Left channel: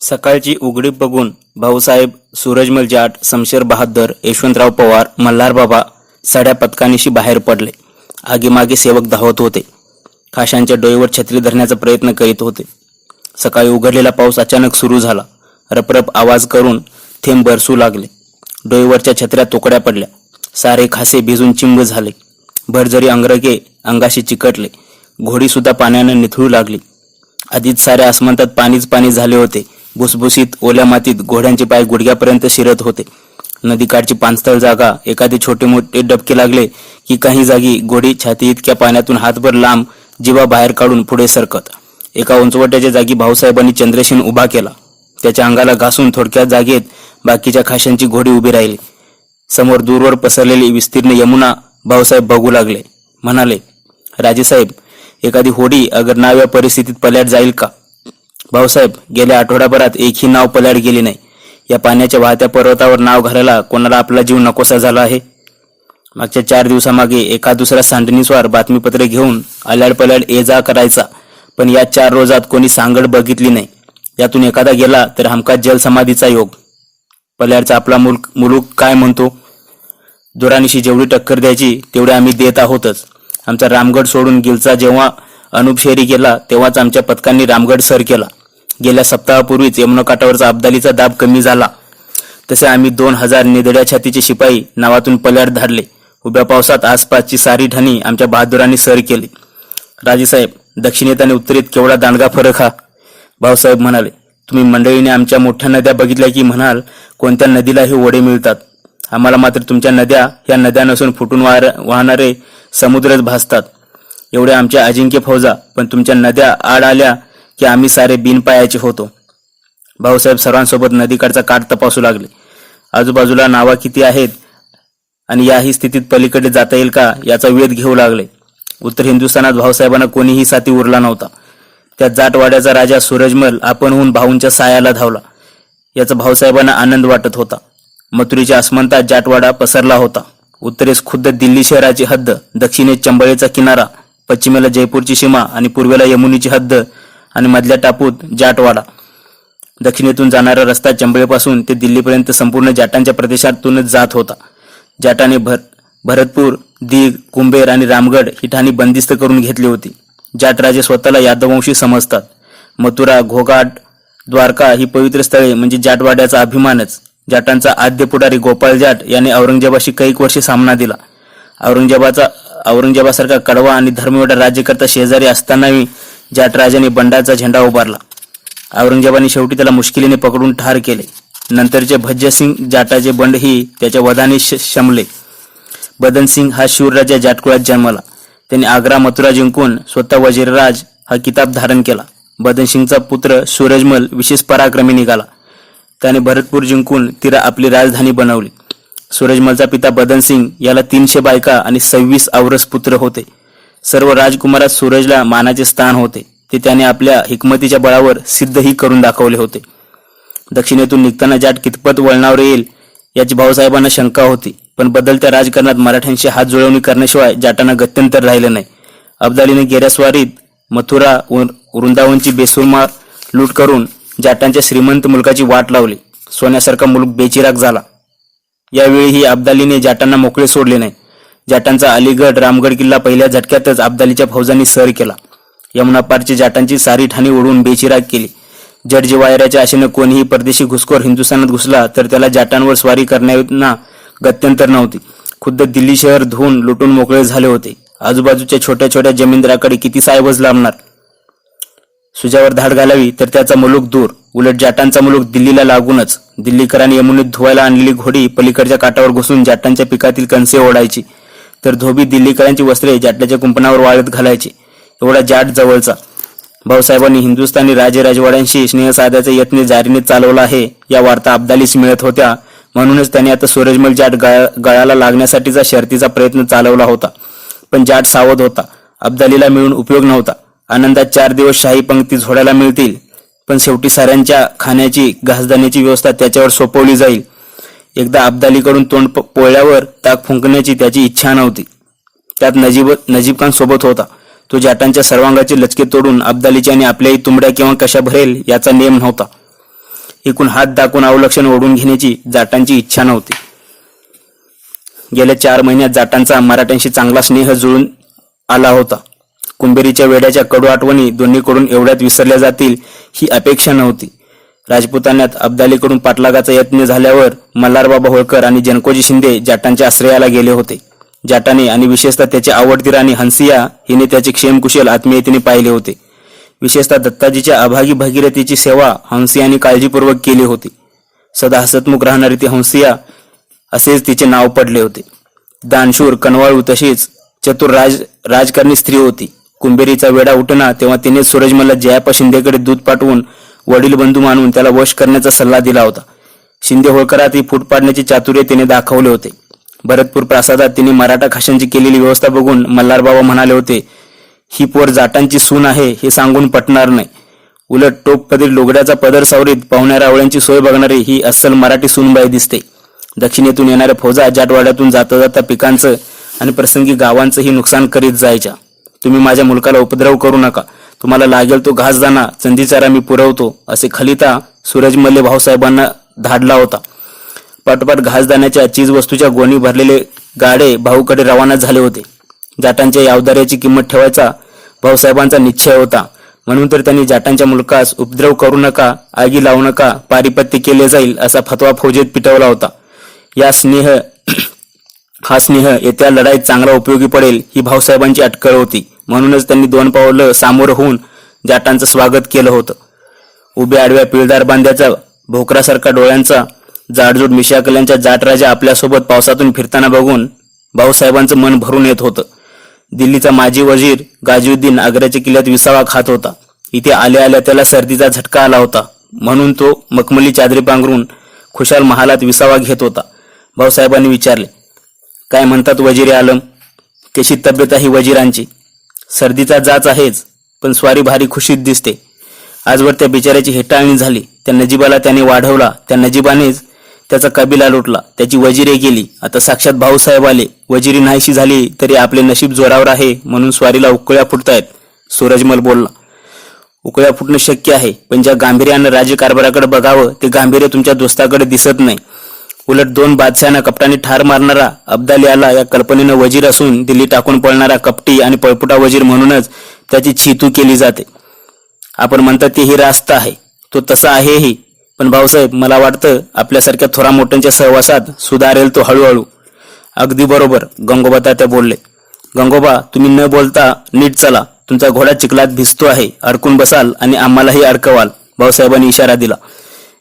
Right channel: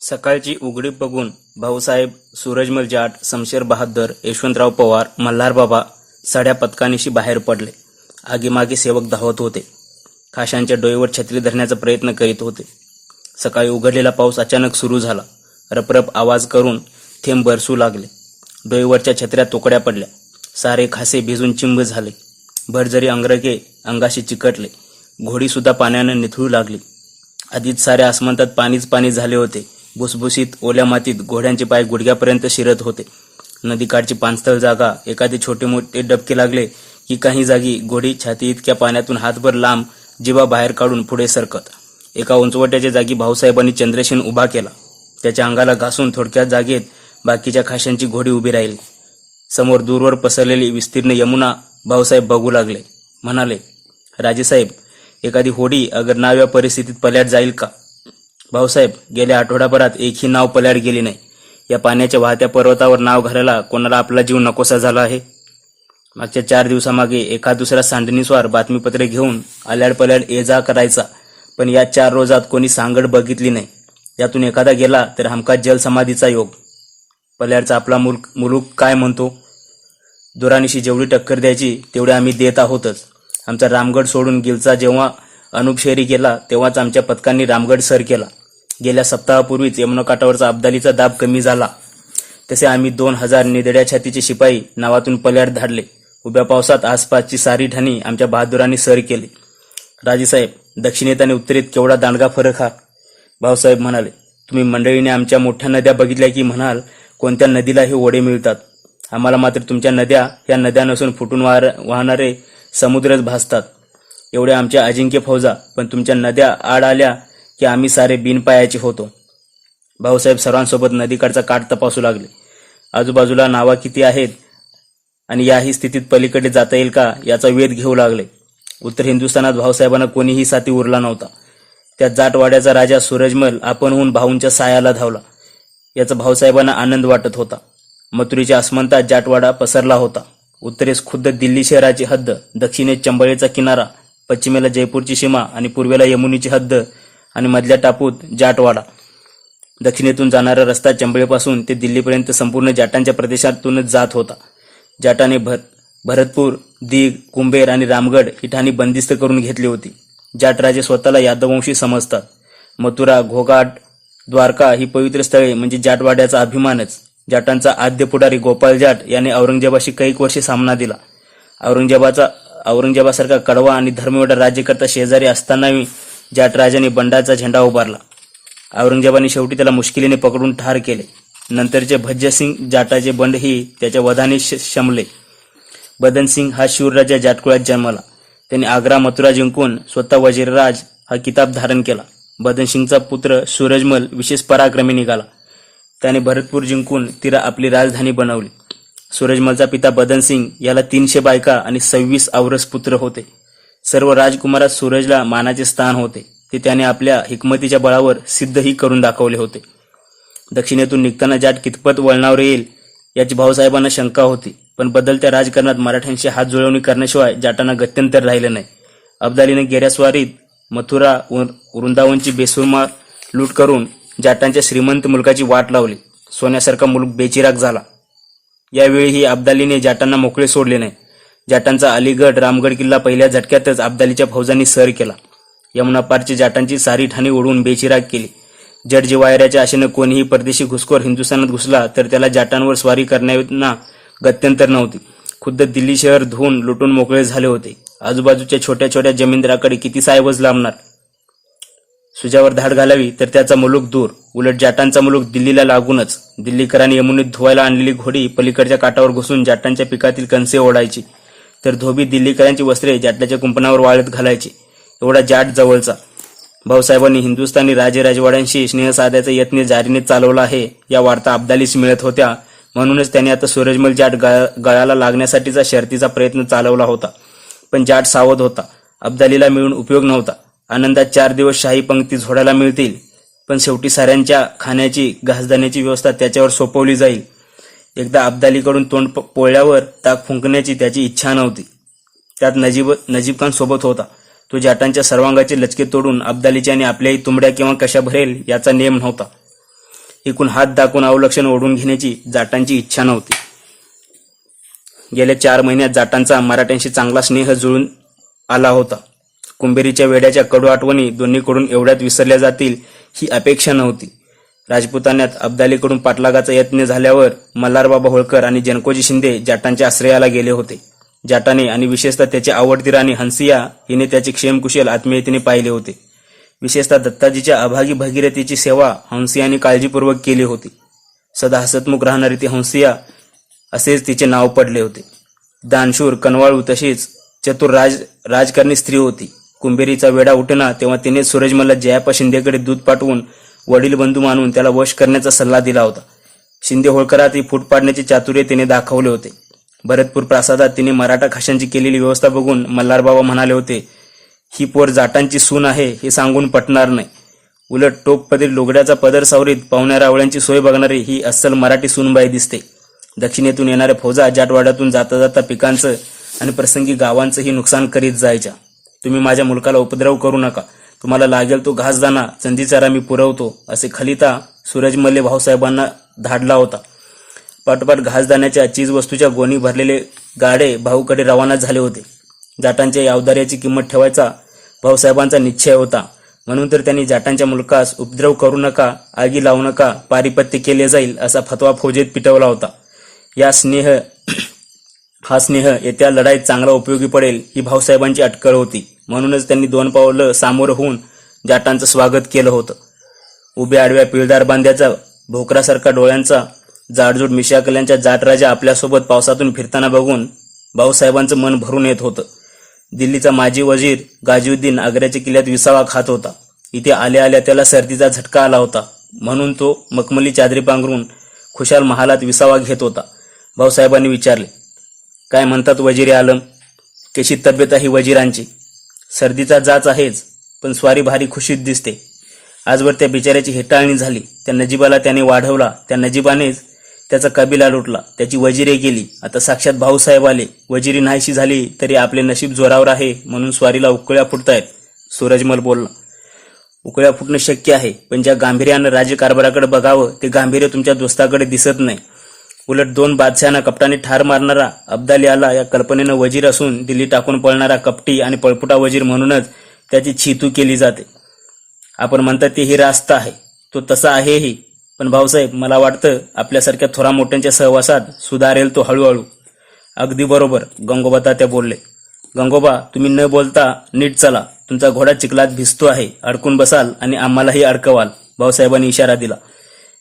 सकाळची उघडीप बघून भाऊसाहेब, सूरजमल जाट, शमशेर बहादर, यशवंतराव पवार, मल्हार बाबा साड्या पतकानिशी बाहेर पडले. आगीमागे सेवक धावत होते. खाशांच्या डोईवर छत्री धरण्याचा प्रयत्न करीत होते. सकाळी उघडलेला पाऊस अचानक सुरू झाला. रपरप आवाज करून थेंब बरसू लागले. डोईवरच्या छत्र्या तुकड्या पडल्या. सारे खासे भिजून चिंब झाले. भरजरी अंगरके अंगाशी चिकटले. घोडी सुद्धा पाण्याने निथळू लागली. आधीच साऱ्या आसमंतात पाणीच पाणी झाले होते. भुसभुशीत ओल्या मातीत घोड्यांचे पाय गुडघ्यापर्यंत शिरत होते. नदीकाठची पाणस्थळ जागा एखादे छोटे मोठे डबके लागले की काही जागी घोडी छाती इतक्या पाण्यातून हातभर लांब जिवा बाहेर काढून पुढे सरकत. एका उंचवट्याच्या जागी भाऊसाहेबांनी चंद्रसेन उभा केला. त्याच्या अंगाला घासून थोडक्या जागेत बाकीच्या खाशांची घोडी उभी राहिली. समोर दूरवर पसरलेली विस्तीर्ण यमुना भाऊसाहेब बघू लागले. म्हणाले, राजेसाहेब, एखादी होडी अगर नाव या परिस्थितीत पल्याड जाईल का? भाऊसाहेब, गेल्या आठवड्याभरात एकही नाव पल्याड गेली नाही. या पाण्याच्या वाहत्या पर्वतावर नाव घालायला कोणाला आपला जीव नकोसा झाला आहे? मागच्या 4 दिवसामागे एका दुसरा सांडणीस्वार बातमीपत्रे घेऊन आल्याड पल्याड ये जा करायचा, पण या 4 रोजात कोणी सांगड बघितली नाही. यातून एखादा गेला तर हमखास जलसमाधीचा योग. पल्याडचा आपला मुलूक काय म्हणतो? दुरानिशी जेवढी टक्कर द्यायची तेवढे आम्ही देत आहोतच. आमचा रामगड सोडून गिलचा जेव्हा अनुपशेरी गेला तेव्हाच आमच्या पथकांनी रामगड सर केला. गेल्या सप्ताहापूर्वीच यमुनाकाठावरचा अब्दालीचा दाब कमी झाला. तसे आम्ही 2000 निधड्या छातीचे शिपाई नावातून पल्याड धाडले. उभ्या पावसात आसपासची सारी ठाणी आमच्या बहादुरांनी सर केली. राजेसाहेब, दक्षिणेत आणि उत्तरेत केवढा दांडगा फरक हा. भाऊसाहेब म्हणाले, तुम्ही मंडळीने आमच्या मोठ्या नद्या बघितल्या की म्हणाल कोणत्या नदीला हे ओढे मिळतात. आम्हाला मात्र तुमच्या नद्या ह्या नद्या नसून फुटून वाहणारे समुद्रच भासतात. एवढे आमच्या अजिंक्य फौजा, पण तुमच्या नद्या आड आल्या की आम्ही सारे बिनपायाचे होतो. भाऊसाहेब सर्वांसोबत नदीकाठचा काठ तपासू लागले. आजूबाजूला नावा किती आहेत आणि याही स्थितीत पलीकडे जाता येईल का याचा वेध घेऊ लागले. उत्तर हिंदुस्थानात भाऊसाहेबांना कोणीही साथी उरला नव्हता. त्या जाटवाड्याचा राजा सूरजमल आपणहून भाऊंच्या सायाला धावला. याचा भाऊसाहेबांना आनंद वाटत होता. मथुरेच्या आसमंतात जाटवाडा पसरला होता. उत्तरेस खुद्द दिल्ली शहराची हद्द, दक्षिणेस चंबळेचा किनारा, पश्चिमेला जयपूरची सीमा आणि पूर्वेला यमुनीची हद्द आणि मधल्या टापूत जाटवाडा. दक्षिणेतून जाणारा रस्ता चंबळेपासून ते दिल्लीपर्यंत संपूर्ण जाटांच्या प्रदेशातूनच जात होता. जाटाने भरतपूर, दीग, कुंभेर आणि रामगड ही ठाणी बंदिस्त करून घेतली होती. जाट राजे स्वतःला यादववंशी समजतात. मथुरा, घोघाट, द्वारका ही पवित्र स्थळे म्हणजे जाटवाड्याचा अभिमानच. जाटांचा आद्य पुढारी गोपाळ जाट याने औरंगजेबाशी कैक वर्षे सामना दिला. औरंगजेबासारखा कडवा आणि धर्मवेडा राज्यकर्ता शेजारी असतानाही जाट राजाने बंडाचा झेंडा उभारला. औरंगजेबाने शेवटी त्याला मुश्किलीने पकडून ठार केले. नंतरचे भज्यसिंग जाटाचे बंडही त्याच्या वधाने शमले. बदनसिंग हा शूरराजा जाटकुळात जन्मला. त्यांनी आग्रा, मथुरा जिंकून स्वतः वजीरराज हा किताब धारण केला. बदनसिंगचा पुत्र सूरजमल विशेष पराक्रमी निघाला. त्याने भरतपूर जिंकून तिला आपली राजधानी बनवली. सूरजमलचा पिता बदनसिंग याला 300 बायका आणि 26 औरस पुत्र होते. सर्व राजकुमारात सूरजला मानाचे स्थान होते. ते त्याने आपल्या हिकमतीच्या बळावर सिद्धही करून दाखवले होते. दक्षिणेतून निघताना जाट कितपत वळणावर येईल याची भाऊसाहेबांना शंका होती, पण बदलत्या राजकारणात मराठ्यांशी हात जुळवणी करण्याशिवाय जाटांना गत्यंतर राहिलं नाही. अब्दालीने गेल्या स्वारीत मथुरा, वृंदावनची बेसुमार लूट करून जाटांच्या श्रीमंत मुलकाची वाट लावली. सोन्यासारखा मुलूक बेचिराग झाला. यावेळीही अब्दालीने जाटांना मोकळे सोडले नाही. जाटांचा अलीगड, रामगड किल्ला पहिल्या झटक्यातच अब्दालीच्या फौजांनी सर केला. यमुना पारची जाटांची सारी ठाणी ओढून बेचिराग केली. जडजिवायराच्या आशेने कोणीही परदेशी घुसखोर हिंदुस्थानात घुसला तर त्याला जाटांवर स्वारी करण्याविना गत्यंतर नव्हती. खुद्द दिल्ली शहर धुवून लुटून मोकळे झाले होते. आजूबाजूच्या छोट्या छोट्या जमीनदाराकडे किती साहेबच लांबणार. सुजावर धाड घालावी तर त्याचा मुलूक दूर, उलट जाटांचा मुलूक दिल्लीला लागूनच. दिल्लीकरांनी यमुनेत धुवायला आणलेली घोडी पलीकडच्या काठावर घुसून जाटांच्या पिकातील कणसे ओढायची, तर धोबी दिल्लीकरांची वस्त्रे जाटल्याच्या कुंपणावर वाळत घालायची. एवढा जाट जवळचा. भाऊसाहेबांनी हिंदुस्थानी राजवाड्यांशी स्नेह साधायचा यत्न जारीने चालवला आहे या वार्ता अब्दालीस मिळत होत्या. म्हणूनच त्याने आता सूरजमल जाट गळाला लागण्यासाठीचा शर्तीचा प्रयत्न चालवला होता. पण जाट सावध होता. अब्दालीला मिळून उपयोग नव्हता. आनंदात 4 दिवस शाही पंक्ती झोडायला मिळतील, पण शेवटी साऱ्यांच्या खाण्याची, घासदाण्याची व्यवस्था त्याच्यावर सोपवली जाईल. एकदा अब्दालीकडून तोंड पोळल्यावर ताक फुंकण्याची त्याची इच्छा नव्हती. त्यात नजीब खान सोबत होता. तो जाटांच्या सर्वांगाचे लचके तोडून अब्दालीची आणि आपल्याही तुंबड्या किंवा कशा भरेल याचा नेम नव्हता. एकूण हात दाखवून अवलक्षण ओढून घेण्याची जाटांची इच्छा नव्हती. गेल्या 4 महिन्यात जाटांचा मराठ्यांशी चांगला स्नेह जुळून आला होता. कुंभेरीच्या वेड्याच्या कडू आठवणी दोन्हीकडून एवढ्यात विसरल्या जातील ही अपेक्षा नव्हती. राजपुतान्यात अब्दालीकडून पाठलागाचा यत्न झाल्यावर मल्हारबाबा होळकर आणि जनकोजी शिंदे जाटांच्या आश्रयाला गेले होते. जाटाने आणि विशेषतः त्याची आवडती राणी हंसिया हिने त्याचे क्षेमकुशल आत्मीयतेने पाहिले होते. विशेषतः दत्ताजीच्या अभागी भगीरथीची सेवा हंसियाने काळजीपूर्वक केली होती. सदा हसतमुख राहणारी ती हंसिया असेच तिचे नाव पडले होते. दानशूर, कनवाळू तशीच चतुर राजकारणी स्त्री होती. कुंभेरीचा वेडा उठना तेव्हा तिने सूरजमलला जयाप्पा शिंदेकडे दूध पाठवून वडील बंधू मानून त्याला वश करण्याचा सल्ला दिला होता. शिंदे होळकरात ही फूट पाडण्याचे चातुर्य तिने दाखवले होते. भरतपूर प्रासादात तिने मराठा खाशांची केलेली व्यवस्था बघून मल्हारबाबा म्हणाले होते, ही पोर जाटांची सून आहे हे सांगून पटणार नाही. उलट टोपपदरी लोगड्याचा पदर सावरीत पाहुण्या रावळ्यांची सोय बघणारी ही अस्सल मराठी सूनबाई दिसते. दक्षिणेतून येणाऱ्या फौजा जाटवाड्यातून जाता जाता पिकांचं आणि प्रसंगी गावांचंही नुकसान करीत जायच्या. तुम्ही माझ्या मुलकाला उपद्रव करू नका. तुम्हाला लागेल तो घासदाणा चंदीचारा मी पुरवतो असे खलिता सूरजमल्ले भाऊसाहेबांना धाडला होता. पाठोपाठ घासदाण्याच्या चीजवस्तूच्या गोणी भरलेले गाडे भाऊकडे रवाना झाले होते. जाटांच्या या अवदार्याची किंमत ठेवायचा भाऊसाहेबांचा निश्चय होता. म्हणून तर त्यांनी जाटांच्या मुलकास उपद्रव करू नका, आगी लावू नका, पारिपत्य केले जाईल असा फतवा फौजेत पिटवला होता. हा स्नेह येत्या लढाईत चांगला उपयोगी पडेल ही भाऊसाहेबांची अटकळ होती. म्हणूनच त्यांनी 2 पावलं सामोरं होऊन जाटांचं स्वागत केलं होतं. उभ्या आडव्या पिळदार बांध्याचा भोकरासारखा डोळ्यांचा जाडजूड मिशाकल्यांच्या जाटराजा आपल्यासोबत पावसातून फिरताना बघून भाऊसाहेबांचं मन भरून येत होतं. दिल्लीचा माजी वजीर गाजीउद्दीन आग्र्याच्या किल्ल्यात विसावा खात होता. इथे आल्या आल्या त्याला सर्दीचा झटका आला होता. म्हणून तो मखमली चादरी पांघरून खुशाल महालात विसावा घेत होता. भाऊसाहेबांनी विचारले, काय म्हणतात वजीर आलम? कशी तब्येत आहे वजीरांची? सर्दीचा जाच आहेच, पण स्वारी भारी खुशीत दिसते. आजवर त्या बिचाऱ्याची हेटाळणी झाली. त्या नजीबाला त्याने वाढवला. त्या नजीबानेच त्याचा कबिला लुटला. त्याची वजिरे केली. आता साक्षात भाऊसाहेब आले. वजिरी नाहीशी झाली तरी आपले नशीब जोरावर आहे म्हणून स्वारीला उकळ्या फुटतायत. सूरजमल बोलला. उकळ्या फुटणं शक्य आहे, पण ज्या गांभीर्यानं राज्यकारभाराकडे बघावं ते गांभीर्य तुमच्या दोस्ताकडे दिसत नाही. उलट 2 बादशहांना कपटाने ठार मारणारा अब्दाली आला या कल्पनेनं वजीर असून दिल्ली टाकून पळणारा कपटी आणि पळपुटा वजीर म्हणूनच त्याची छीतू केली जाते. आपण म्हणतात ते ही रास्त आहे, तो तसा आहेही. पण भाऊसाहेब, मला वाटतं आपल्यासारख्या थोरा मोठ्यांच्या सहवासात सुधारेल तो हळूहळू. अगदी बरोबर, गंगोबा तात्या बोलले. गंगोबा, तुम्ही न बोलता नीट चला. तुमचा घोडा चिखलात भिजतो आहे. अडकून बसाल आणि आम्हालाही अडकवाल. भाऊसाहेबांनी इशारा दिला.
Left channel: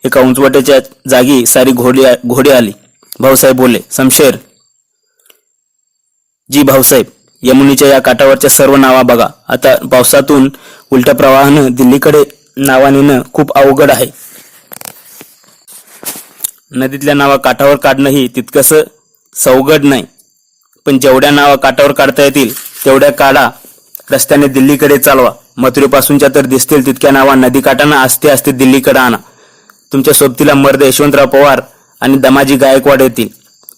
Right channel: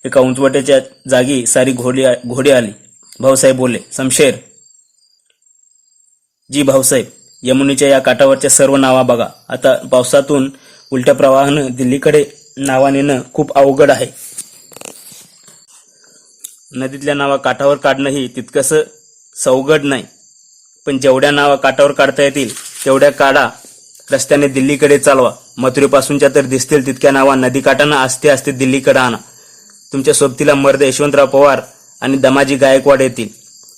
एका उंचवट्याच्या जागी सारी घोडे आली. भाऊसाहेब बोलले, शमशेर. जी भाऊसाहेब. यमुनीच्या या काठावरच्या सर्व नावा बघा. आता पावसातून उलट्या प्रवाहानं दिल्लीकडे नावा नेणं खूप अवघड आहे. नदीतल्या नावा काठावर काढणंही तितकंसं सवगड नाही. पण जेवढ्या नावा काठावर काढता येतील तेवढ्या काढा. रस्त्याने दिल्लीकडे चालवा. मथुरेपासूनच्या तर दिसतील तितक्या नावा नदीकाठांना आस्ते आस्ते दिल्लीकडे आणा. तुमच्या सोबतीला मर्द यशवंतराव पवार आणि दमाजी गायकवाड येतील.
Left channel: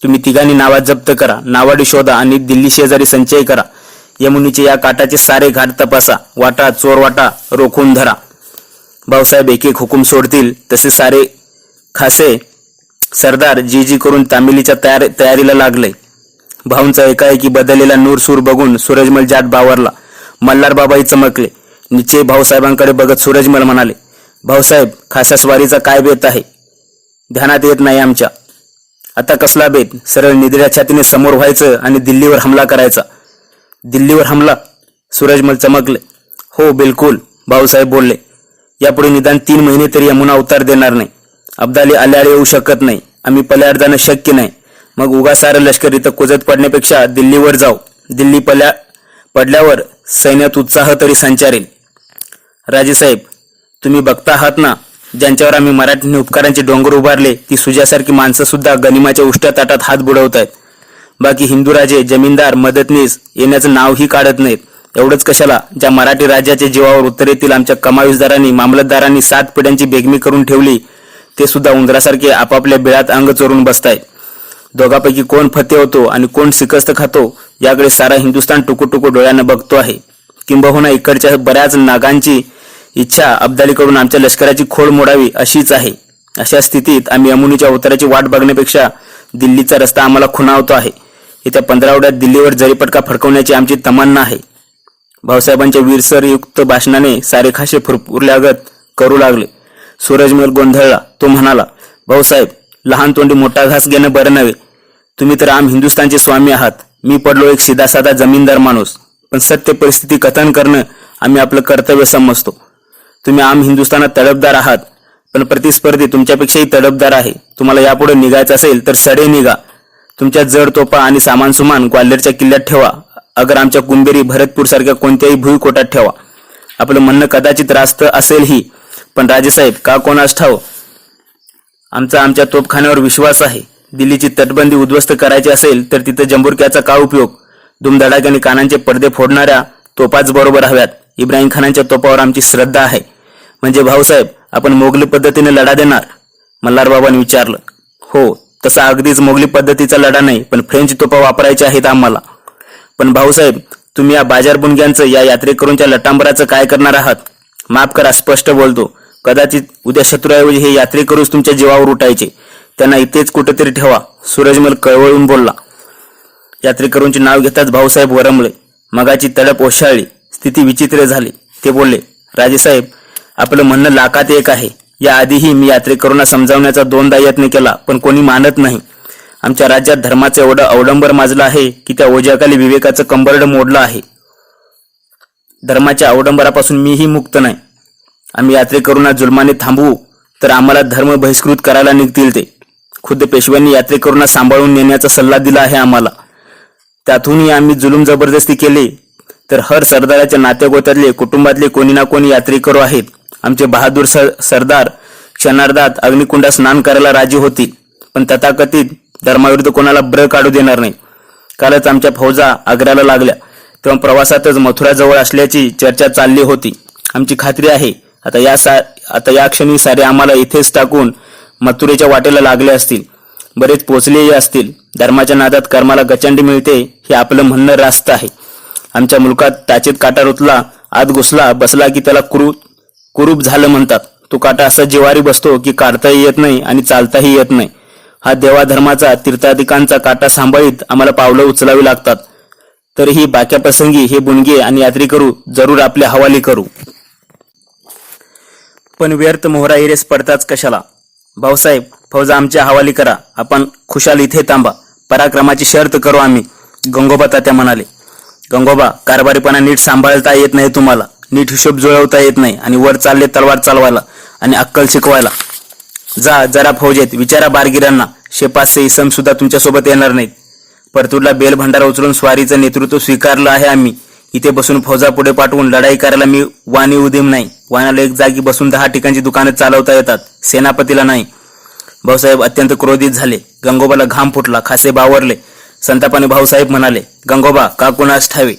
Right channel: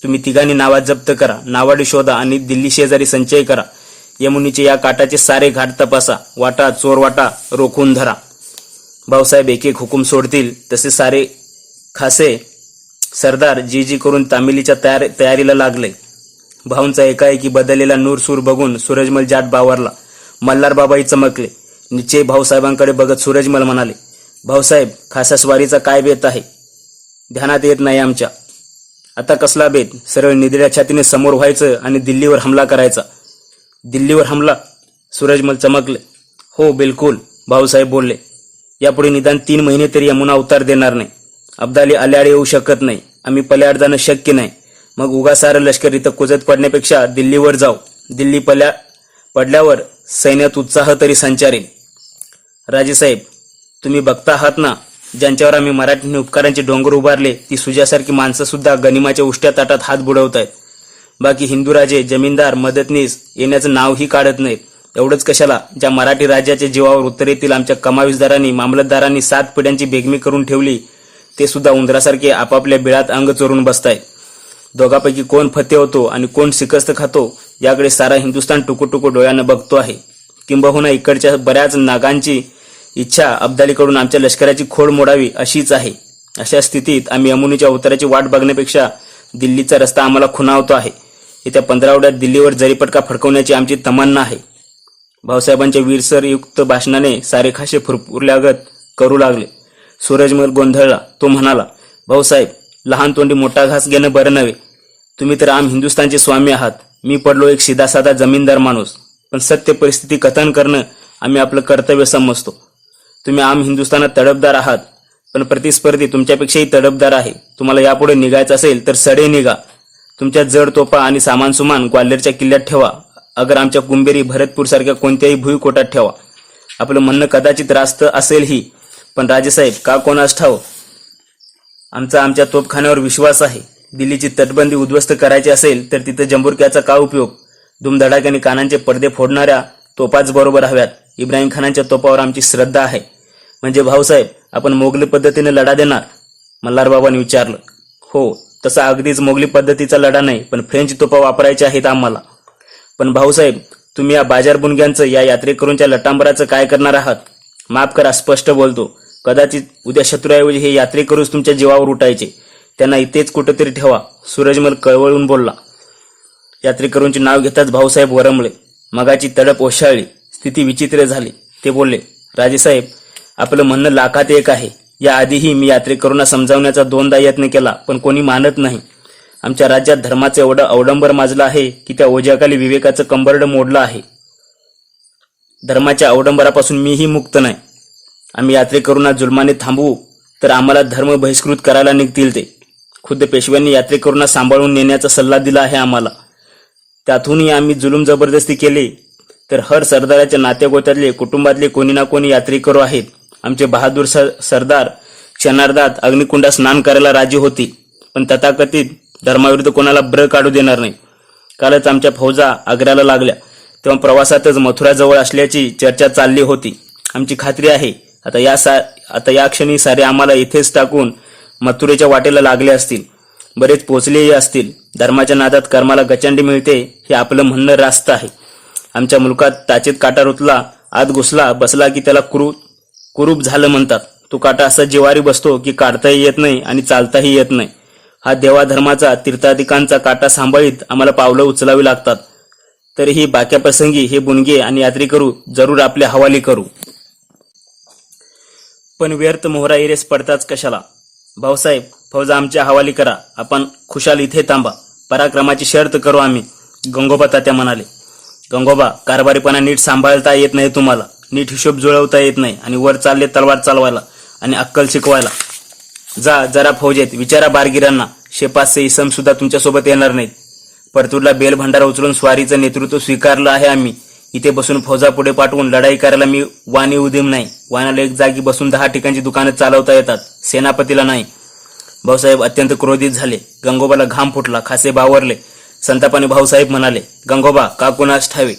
तुम्ही तिघांनी नावा जप्त करा. नावाडी शोधा आणि दिल्ली शेजारी संचय करा. यमुनीचे या काठाचे सारे घाट तपासा. वाटा चोरवाटा रोखून धरा. भाऊसाहेब एक एक हुकूम सोडतील तसे सारे खासे सरदार जी करून तामिलीच्या तयारीला लागले. भाऊंचा एकाएकी बदललेला नूरसूर बघून सूरजमल जाट बावरला. मल्हारबाबाही चमकले. निश्चय भाऊसाहेबांकडे बघत सूरजमल म्हणाले, भाऊसाहेब, खासा स्वारीचा काय बेत आहे? ध्यानात येत नाही आमच्या. आता कसला बेत? सरळ निधड्या छातीने समोर व्हायचं आणि दिल्लीवर हमला करायचा. दिल्लीवर हमला? सूरजमल चमकले. हो बिलकुल, भाऊसाहेब बोलले. यापुढे निदान 3 महिने तरी यमुना अवतार देणार नाही. अब्दाली आल्याआड येऊ शकत नाही. आम्ही पल्याड जाणं शक्य नाही. मग उगा सारं लष्कर इथं कुजत पडण्यापेक्षा दिल्लीवर जाऊ. दिल्ली पडल्यावर सैन्यात उत्साह तरी संचारेल. राजेसाहेब, तुम्ही बघता आहात ना, ज्यांच्यावर आम्ही मराठीने उपकारांचे डोंगर उभारले ती सुजासारखी माणसं सुद्धा गनिमाच्या उष्ट्या ताटात हात बुडवतायत. बाकी हिंदू राजे, जमीनदार, मदतनीस येण्याचं नावही काढत नाहीत. एवढंच कशाला, ज्या मराठी राज्याच्या जीवावर उत्तरेतील आमच्या कमाविसदारांनी, मामलतदारांनी 7 पिढ्यांची बेगमी करून ठेवली ते सुद्धा उंदरासारखे आपापल्या बिळात अंग चोरून बसतायत. दोघांपैकी कोण फते होतो आणि कोण शिकस्त खातो याकडे सारा हिंदुस्थान टुकूटुकू डोळ्यानं बघतो आहे. किंबहुना इकडच्या बऱ्याच नागांची इच्छा अब्दालीकडून आमच्या लष्कराची खोड मोडावी अशीच आहे. अशा स्थितीत आम्ही यमुनेच्या अवताराची वाट बघण्यापेक्षा दिल्लीचा रस्ता आम्हाला खुणावतो आहे. येत्या 15 आठवड्यात दिल्लीवर जरीपटका फडकवण्याची आमची तमन्ना आहे. भाऊसाहेबांच्या वीरसरयुक्त भाषणाने सारे खाशे फुरफुरल्यागत करू लागले. सूरजमल गोंधळला. तो म्हणाला, भाऊसाहेब, लहान तोंडी मोठा घास घेणं बरं नव्हे. तुम्ही तर आम हिंदुस्थानचे स्वामी आहात. मी पडलो एक सीधा जमीनदार माणूस. पण सत्य परिस्थिती कथन करणं आम्ही आपलं कर्तव्य समजतो. तुम्ही आम हिंदुस्थानात तडफदार आहात, पण प्रतिस्पर्धी तुमच्यापेक्षाही तडफदार आहे. तुम्हाला यापुढे निघायचं असेल तर सडे निघा. तुमच्या जड तोफा आणि सामान सुमान ग्वाल्हेरच्या किल्ल्यात ठेवा. अगर आमच्या कुंभेरी भरतपूर सारख्या कोणत्याही भुईकोटात ठेवा. आपलं म्हणणं कदाचित रास्त असेलही, पण राजेसाहेब, का कोणास ठाव, आमच्या तोफखान्यावर विश्वास आहे. दिल्लीची तटबंदी उद्ध्वस्त करायची असेल तर तिथं जंबुरक्याचा का उपयोग? दुमधडाक्याने कानांचे पडदे फोडणाऱ्या तोफाच बरोबर हव्यात. इब्राहिम खानांच्या तोफावर आमची श्रद्धा आहे. म्हणजे भाऊसाहेब, आपण मोगली पद्धतीने लढा देणार? मल्हारबाबांनी विचारलं. हो, तसा अगदीच मोगली पद्धतीचा लढा नाही, पण फ्रेंच तोफा वापरायच्या आहेत आम्हाला. पण भाऊसाहेब, तुम्ही या बाजारबुणग्यांचं, या यात्रेकरूंच्या लटांबराचं काय करणार आहात? माफ करा, स्पष्ट बोलतो. कदाचित उद्या शत्रूऐवजी हे यात्रेकरूच तुमच्या जीवावर उठायचे. त्यांना इथेच कुठेतरी ठेवा. सूरजमल कळवळून बोलला. यात्रेकरूंचे नाव घेताच भाऊसाहेब वरमले. मगाची तडप ओशाळली. स्थिती विचित्र झाली. ते बोलले, राजेसाहेब, आपलं म्हणणं लाखात एक आहे. याआधीही मी यात्रेकरूंना समजावण्याचा 2दा यत्न केला, पण कोणी मानत नाही. आमच्या राज्यात धर्माचं एवढं अवडंबर माजलं आहे की त्या ओझ्याखाली विवेकाचं कंबरड मोडलं आहे. धर्माच्या अवडंबरापासून मीही मुक्त नाही. आम्ही यात्रेकरूंना जुलमाने थांबवू तर आम्हाला धर्म बहिष्कृत करायला निघतील ते. खुद्द पेशव्यांनी यात्रेकरूंना सांभाळून नेण्याचा सल्ला दिला आहे आम्हाला. त्यातूनही आम्ही जुलूम जबरदस्ती केली तर हर सरदाराच्या नातेगोत्यातले, कुटुंबातले कोणी ना कोणी यात्रेकरू आहेत. आमचे बहादूर सरदार क्षणार्धात अग्निकुंडात स्नान करायला राजी होती, पण तथाकथित धर्माविरुद्ध कोणाला ब्र काढू देणार नाही. कालच आमच्या फौजा आग्र्याला लागल्या, तेव्हा प्रवासातच मथुराजवळ असल्याची चर्चा चालली होती. आमची खात्री आहे आता या क्षणी सारे आम्हाला इथेच टाकून मथुरेच्या वाटेला लागले असतील. बरेच पोचलेही असतील. धर्माच्या नादात कर्माला गचंडी मिळते हे आपलं म्हणणं रास्त आहे. आमच्या मुलकात त्याचेत काटा रुतला, आत घुसला, बसला की त्याला कुरूप झालं म्हणतात. तो काटा असा जिवारी बसतो की काढताही येत नाही आणि चालताही येत नाही. हा देवाधर्माचा, तीर्थाधिकांचा काटा सांभाळीत आम्हाला पावलं उचलावी लागतात. तरीही बाक्या प्रसंगी हे बुणगे आणि यात्रेकरू जरूर आपले हवाली करू. पण व्यर्थ मोहरा इरेस पडताच कशाला? भाऊसाहेब, फौजा आमच्या हवाली करा. आपण खुशाल इथे थांबा. पराक्रमाची शर्त करू आम्ही. गंगोबा तात्या म्हणाले. गंगोबा, कारभारीपणा नीट सांभाळता येत नाही तुम्हाला. नीट हिशोब जुळवता येत नाही आणि वर चालले तलवार चालवायला आणि अक्कल शिकवायला. जा जरा फौजेत विचारा बारगिरांना. शेपासचे इसम सुद्धा तुमच्यासोबत येणार नाहीत. परतूरला बेल भंडारा उचलून स्वारीचं नेतृत्व स्वीकारलं आहे आम्ही. इथे बसून फौजा पुढे पाठवून लढाई करायला मी वाणी उदीम नाही. वाण्याला एक जागी बसून 10 ठिकाणची दुकानं चालवता येतात, सेनापतीला नाही. भाऊसाहेब अत्यंत क्रोधित झाले. गंगोबाला घाम फुटला. खासे बावरले. संतापाने भाऊसाहेब म्हणाले, गंगोबा, का कुणास ठावे,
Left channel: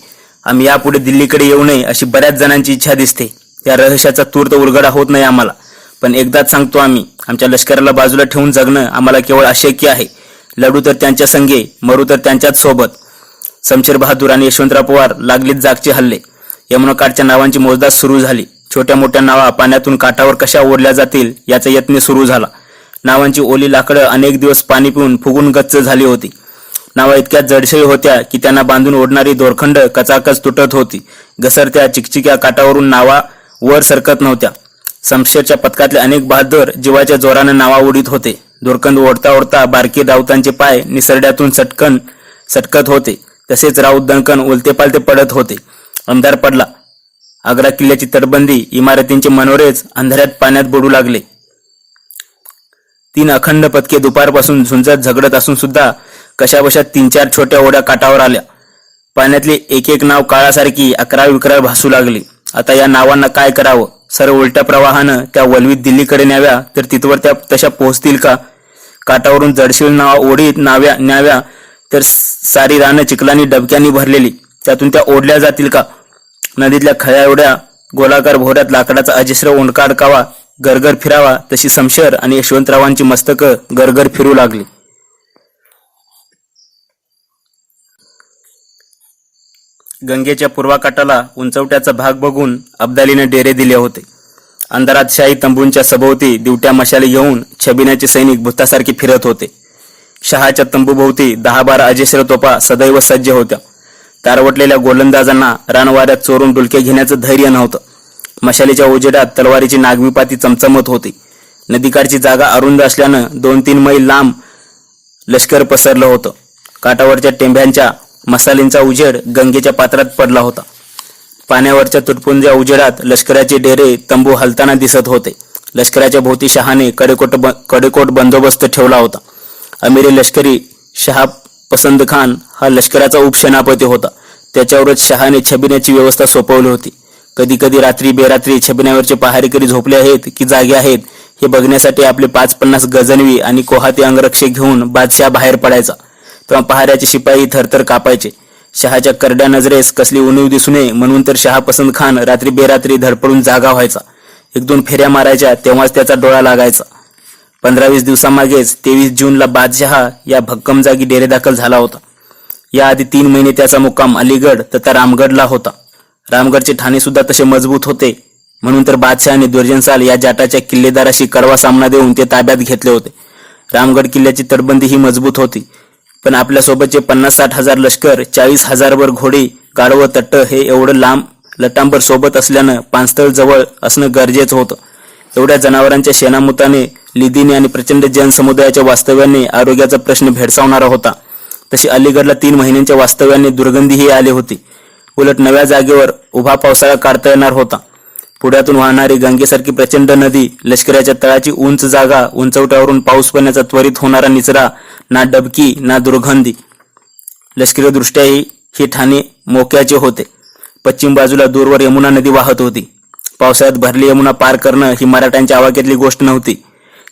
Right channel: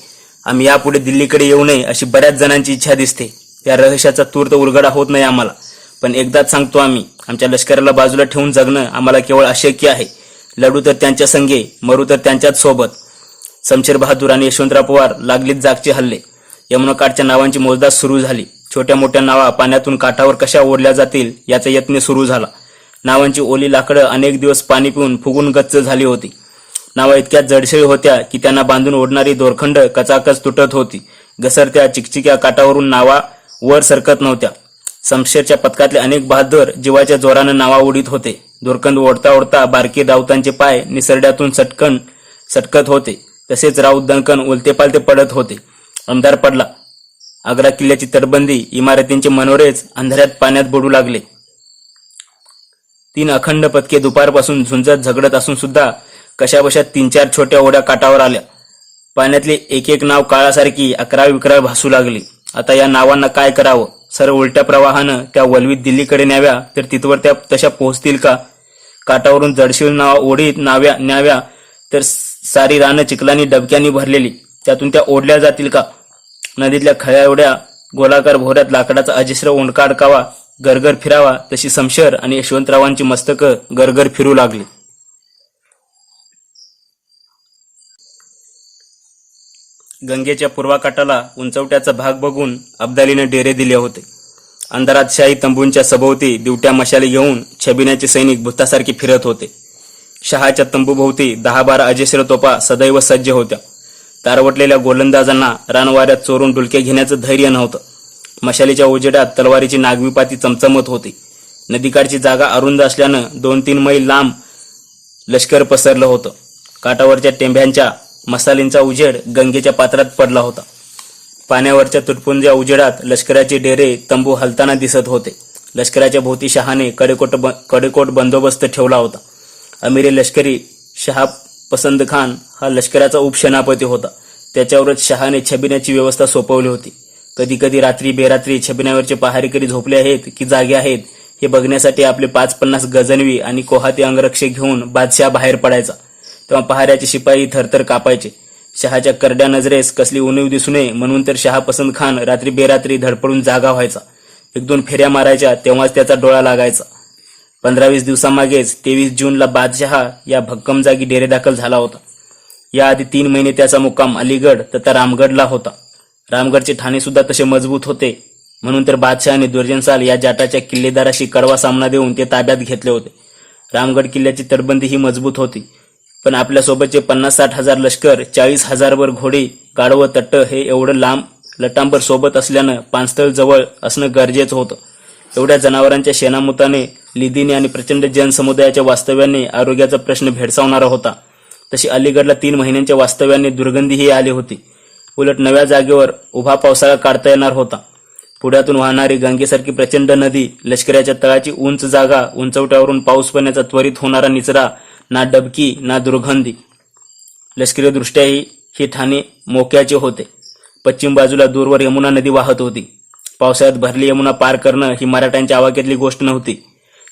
आम्ही यापुढे दिल्लीकडे येऊ नये अशी बऱ्याच जणांची इच्छा दिसते. या रहस्याचा तूर्त उलगडा होत नाही आम्हाला. पण एकदाच सांगतो आम्ही, आमच्या लष्कराला बाजूला ठेवून जगणं आम्हाला केवळ अशक्य आहे. लढू तर त्यांच्या संगे, मरू तर त्यांच्याच सोबत. शमशेर बहादूर आणि यशवंतराव पवार लागलीत जागचे हल्ले. यमुनाकाठच्या नावांची मोजदाद सुरू झाली. छोट्या मोठ्या नावा पाण्यातून काठावर कशा ओढल्या जातील याचा यत्न सुरू झाला. नावांची ओली लाकडं अनेक दिवस पाणी पिऊन फुगून गच्च झाली होती. नावा इतक्या जडसळी होत्या की त्यांना बांधून ओढणारी दोरखंड कचाकच तुटत होती. घसरत्या चिकचिक्या काठावरून नावा वर सरकत नव्हत्या. शमशेरच्या पथकातले अनेक बहादूर जीवाच्या जोराने नावा ओढीत होते. दोरखंड ओढता ओढता बारकी राऊतांचे पाय निसरड्यातून सटकत होते. तसेच राऊत दणकन उलते पालते पडत होते. अंधार पडला. आग्रा किल्ल्याची तटबंदी, इमारतींचे मनोरेच अंधाऱ्यात पाण्यात बुडू लागले. 3 अखंड पथके दुपारपासून झुंजत झगडत असून सुद्धा कशाबशा 3-4 छोट्या ओढ्या काठावर आल्या. पाण्यातली एक एक नाव काळासारखी अकराळ विकराळ भासू लागली. आता या नावांना काय करावं? सर्व उलट्या प्रवाहानं त्या वलवीत दिल्लीकडे न्याव्या तर तिथवर त्या तशा पोहोचतील का? काठावरून जडशील नावा ओढीत न्याव्या तर सारी रानं चिखलानी डबक्यांनी भरलेली, त्यातून त्या ओढल्या जातील का? नदीतल्या खळ्या एवढ्या गोलाकार भोऱ्यात लाकडाचा अजस्र ओंडका अडकावा, गरगर फिरावा, तशी शमशेर आणि यशवंतरावांची मस्तकं गरगर फिरू लागली. गंगेच्या पूर्वाकाठाला उंचवट्याचा भाग बघून अब्दालीने डेरे दिले होते. अंधारात शाही तंबूंच्या सभोवती दिवट्या मशाली घेऊन छबिन्याचे सैनिक भूतासारखे फिरत होते. शहाच्या तंबूभोवती 10-12 अजस्र तोफा सदैव सज्ज होत्या. तारवटलेल्या गोलंदाजांना रानवाऱ्यात चोरून डुलके घेण्याचं धैर्य नव्हतं. मशालीच्या उजेडात तलवारीची नागविपाती चमचमत होती. नदीकाठची जागा अरुंद असल्यानं 2-3 मैल लांब लष्कर पसरलं होतं. काठावरच्या टेंभ्यांच्या मसालींचा उजेड गंगेच्या पात्रात पडला होता. पाण्यावरच्या तुटपुंज्या उजेडात लष्कराचे डेरे तंबू हलताना दिसत होते. लष्कराच्या भोवती शहाने कडेकोट बंदोबस्त ठेवला होता. अमिरी लष्करी शहा पसंद खान हा लष्कराचा उपसेनापती होता. त्याच्यावरच शहाने छबिन्याची व्यवस्था सोपवली होती. कधी कधी रात्री बेरात्री छबिन्यावरचे पहारेकरी झोपले आहेत की जागे आहेत हे बघण्यासाठी आपले 5-50 गजनवी आणि कोहाती अंगरक्षक घेऊन बादशाह बाहेर पडायचा. तेव्हा पहाऱ्याचे शिपाई थरथर कापायचे. शहाच्या करड्या नजरेस कसली उणीव दिसू नये म्हणून तर शहा पसंद खान रात्री बेरात्री धडपडून जागा व्हायचा. 1-2 फेऱ्या मारायच्या तेव्हाच त्याचा डोळा लागायचा. 15-20 दिवसामागेच 23 जूनला बादशाह या भक्कम जागी डेरेदाखल झाला होता. याआधी 3 महिने त्याचा मुक्काम अलीगड तथा रामगडला होता. रामगडचे ठाणे सुद्धा तसे मजबूत होते म्हणून तर बादशहाने दुर्जनसाल या जाटाच्या किल्लेदाराशी कडवा सामना देऊन ते ताब्यात घेतले होते. रामगड किल्ल्याची तटबंदी ही मजबूत होती, पण आपल्यासोबतचे 50-60 हजार लष्कर, 40,000 वर घोडी, गाढवं तट्ट हे एवढं लांब लटांबर सोबत असल्यानं पाणस्थळ जवळ असणं गरजेचं होतं. एवढ्या जनावरांच्या शेणामुताने, लिदीने आणि प्रचंड जनसमुदायाच्या वास्तव्याने आरोग्याचा प्रश्न भेडसावणारा होता. तशी अलीगडला 3 महिन्यांच्या वास्तव्याने दुर्गंधीही आली होती. उलट नव्या जागेवर उभा पावसाळा काढता येणार होता. पुढ्यातून वाहणारी गंगेसारखी प्रचंड नदी, लष्कराच्या तळाची उंच जागा, उंचवट्यावरून पाऊस पडण्याचा त्वरित होणारा निचरा, ना डबकी ना दुर्गंधी. लष्करी दृष्ट्याही हे ठाणे मोक्याचे होते. पश्चिम बाजूला दूरवर यमुना नदी वाहत होती. पावसाळ्यात भरली यमुना पार करणं ही मराठ्यांच्या आवाक्यातली गोष्ट नव्हती.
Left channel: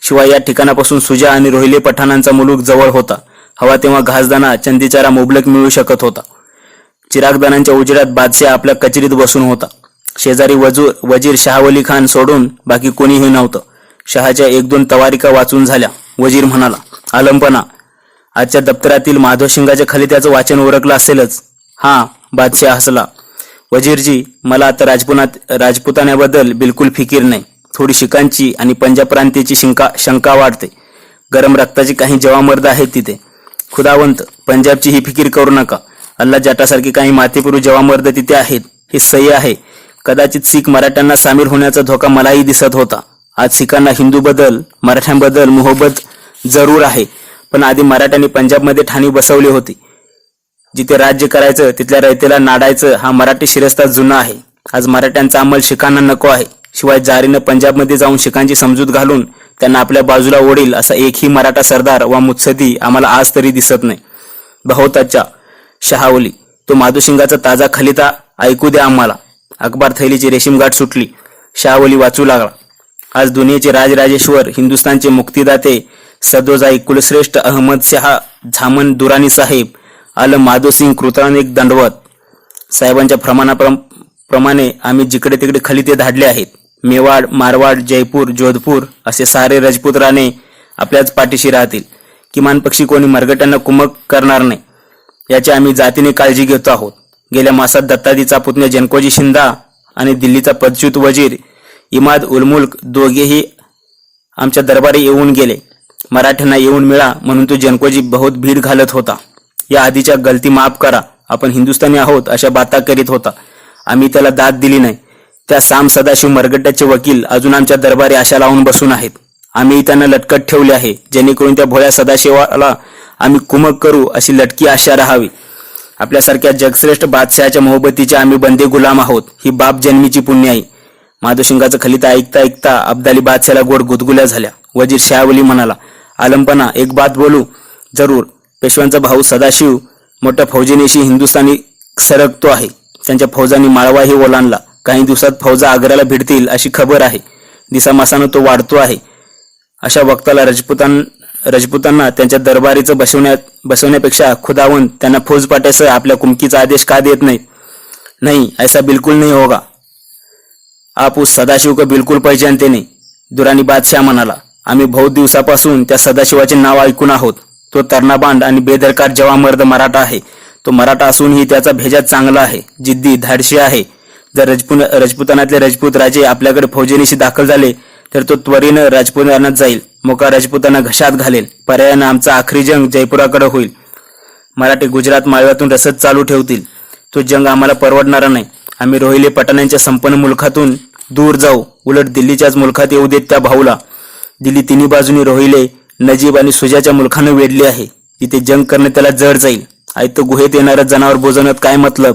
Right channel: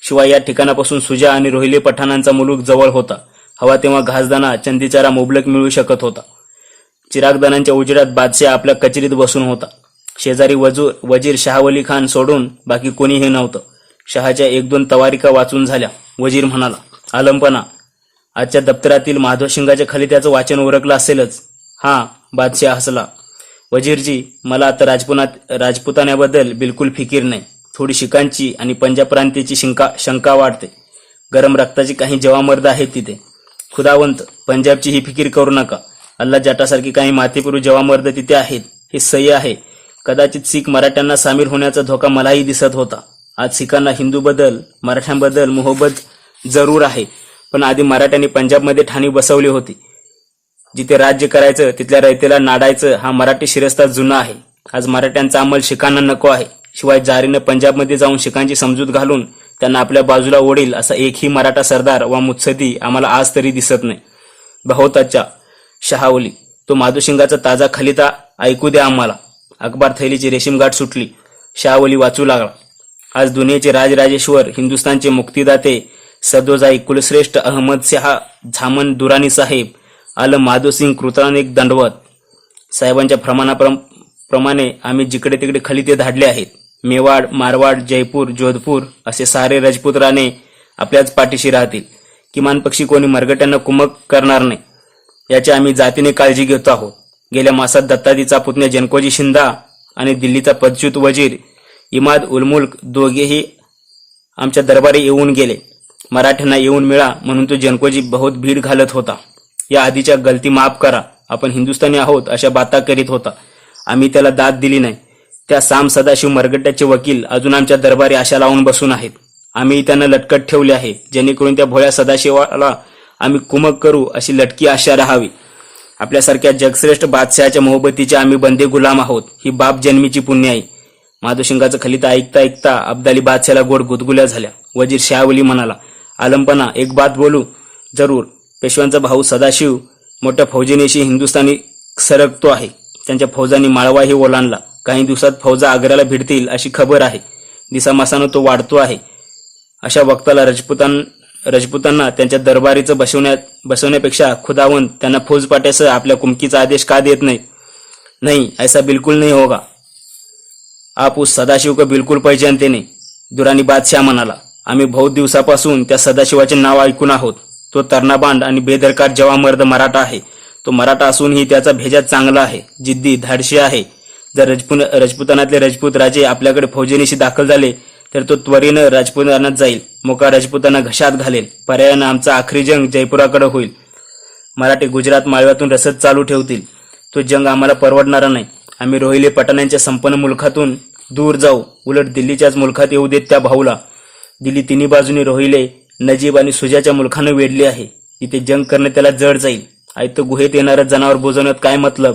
शिवाय या ठिकाणापासून सुजा आणि रोहिले पठाणांचा मुलूक जवळ होता. हवा तेव्हा घासदाणा, चंदीचारा मुबलक मिळू शकत होता. चिरागदानांच्या उजेडात बादशाह आपल्या कचेरीत बसून होता. शेजारी वजीर शहावली खान सोडून बाकी कोणीही नव्हतं. शहाच्या 1-2 तवारिका वाचून झाल्या. वजीर म्हणाला, आलमपणा, आजच्या दप्तरातील माधवशिंगाच्या खाली त्याचं वाचन उरकलं असेलच. हां, बादशाह हसला. वजीरजी, मला आता राजपुतान्याबद्दल बिलकुल फिकीर नाही. थोडी शिकांची आणि पंजाब प्रांतीची शंका वाढते. गरम रक्ताची काही जवामर्द आहेत तिथे. खुदावंत, पंजाबची ही फिकीर करू नका. अल्ला जाटासारखी काही मातेपुरू जवामर्द तिथे आहेत, हे सही आहे. कदाचित शीख मराठ्यांना सामील होण्याचा धोका मलाही दिसत होता. आज शिखांना हिंदूबद्दल, मराठ्यांबद्दल मोहब्बत जरूर आहे, पण आधी मराठ्यांनी पंजाबमध्ये ठाणी बसवली होती. जिथे राज्य करायचं तिथल्या रयतेला नाडायचं हा मराठी शिरस्ता जुना आहे. आज मराठ्यांचा अंमल शिखांना नको आहे. शिवाय जारीनं पंजाबमध्ये जाऊन शिखांची समजूत घालून त्यांना आपल्या बाजूला ओढील असा एकही मराठा सरदार वा मुत्सदी आम्हाला आज तरी दिसत नाही. बहुताच्या शहावली, तो माधुशिंगाचा ताजा खलिता ऐकू द्या आम्हाला. अखबार थैलीची रेशीमगाठ सुटली. शहावली वाचू लागला. आज दुनियेचे राजराजेश्वर, हिंदुस्थानचे मुक्तिदाते, सदोजाई कुलश्रेष्ठ अहमद शहा झामन दुरानी साहेब, आलम माधोसिंग कृतानिक दंडवत साहेबांच्या प्रमाणे आम्ही जिकडे तिकडे खलिते धाडले आहेत. मेवाड, मारवाड, जयपूर, जोधपूर असे सारे राजपूत राणे आपल्याच पाठीशी राहतील. किमान पक्षी कोणी मरगट्यांना कुमक करणार नाही याची आम्ही जातीने काळजी घेतो आहोत. गेल्या मासात दत्ताजीचा पुतण्या जनकोजी शिंदा आणि दिल्लीचा पदच्युत वजीर इमाद उल मुल्क दोघेही आमच्या दरबारी येऊन गेले. मराठ्यांना येऊन मिळा म्हणून तो जनकोजी बहुत भीड घालत होता. या आधीच्या गलती माफ करा, आपण हिंदुस्थानी आहोत अशा बाता करीत होता. आम्ही त्याला दाद दिली नाही. त्या साम सदाशिव मरगट्ट्याचे वकील अजून आमच्या दरबारी आशा लावून बसून आहेत. आम्ही त्यांना लटकत ठेवले आहे, जेणेकरून त्या भोळ्या सदाशिवाला आम्ही कुमक करू अशी लटकी आशा राहावी. आपल्यासारख्या जगश्रेष्ठ बादशहाच्या मोहब्बतीचे आम्ही बंदे गुलाम आहोत, ही बाप जन्मीची पुण्याई. माधवशिंगाचं खलिता ऐकता ऐकता अब्दाली बादशाला गोड गुदगुल्या झाल्या. वजीर शहावली म्हणाला, आलमपणा, एक बात बोलू? जरूर. पेशव्यांचा भाऊ सदाशिव मोठ्या फौजेनेशी हिंदुस्थानी सरकतो आहे. त्यांच्या फौजांनी माळवाही ओलांडला. काही दिवसात फौजा आग्र्याला भिडतील अशी खबर आहे. दिसामासानं तो वाढतो आहे. अशा वक्ताला राजपुतांना त्यांच्या दरबारीचं बसवण्यापेक्षा खुदावंत त्यांना फौज पाठवायचं आपल्या कुमकीचा आदेश का देत नाही? नहीं, ऐसा बिल्कुल नहीं होगा. आप उस सदाशिव को बिल्कुल पहचानते नहीं, दुरानी बादशाह म्हणाला. आम्ही बहुत दिवसापासून त्या सदाशिवाचे नाव ऐकून आहोत. तो तर्नाबांड आणि बेदरकार जवामर्द मराठा आहे. तो मराठा असूनही त्याचा भेजा चांगला आहे, जिद्दी, धाडशी आहे. जर राजपुतानातले राजपूत राजे आपल्याकडे फौजेनिशी दाखल झाले तर तो त्वरेनं राजपुतानात जाईल, मोका राजपुतांना घशात घालेल. पर्यायानं आमचा आखरी जंग जयपुराकडे होईल. मराठे गुजरात माळव्यातून रसद चालू ठेवतील. तो जंग आम्हाला परवडणारा नाही. आम्ही रोहिले पठाणांच्या संपन्न मुलखातून दूर जाऊ, उलट दिल्लीच्याच मुलखात येऊ देत त्या भाऊला. दिल्ली तिन्ही बाजूनी रोहिले, नजीब आणि सुजाच्या मुलखानं वेढली आहे. तिथे जंग करणे त्याला जड जाईल. आयतं गुहेत येणारं जनावर बोजवण्यात काय मतलब.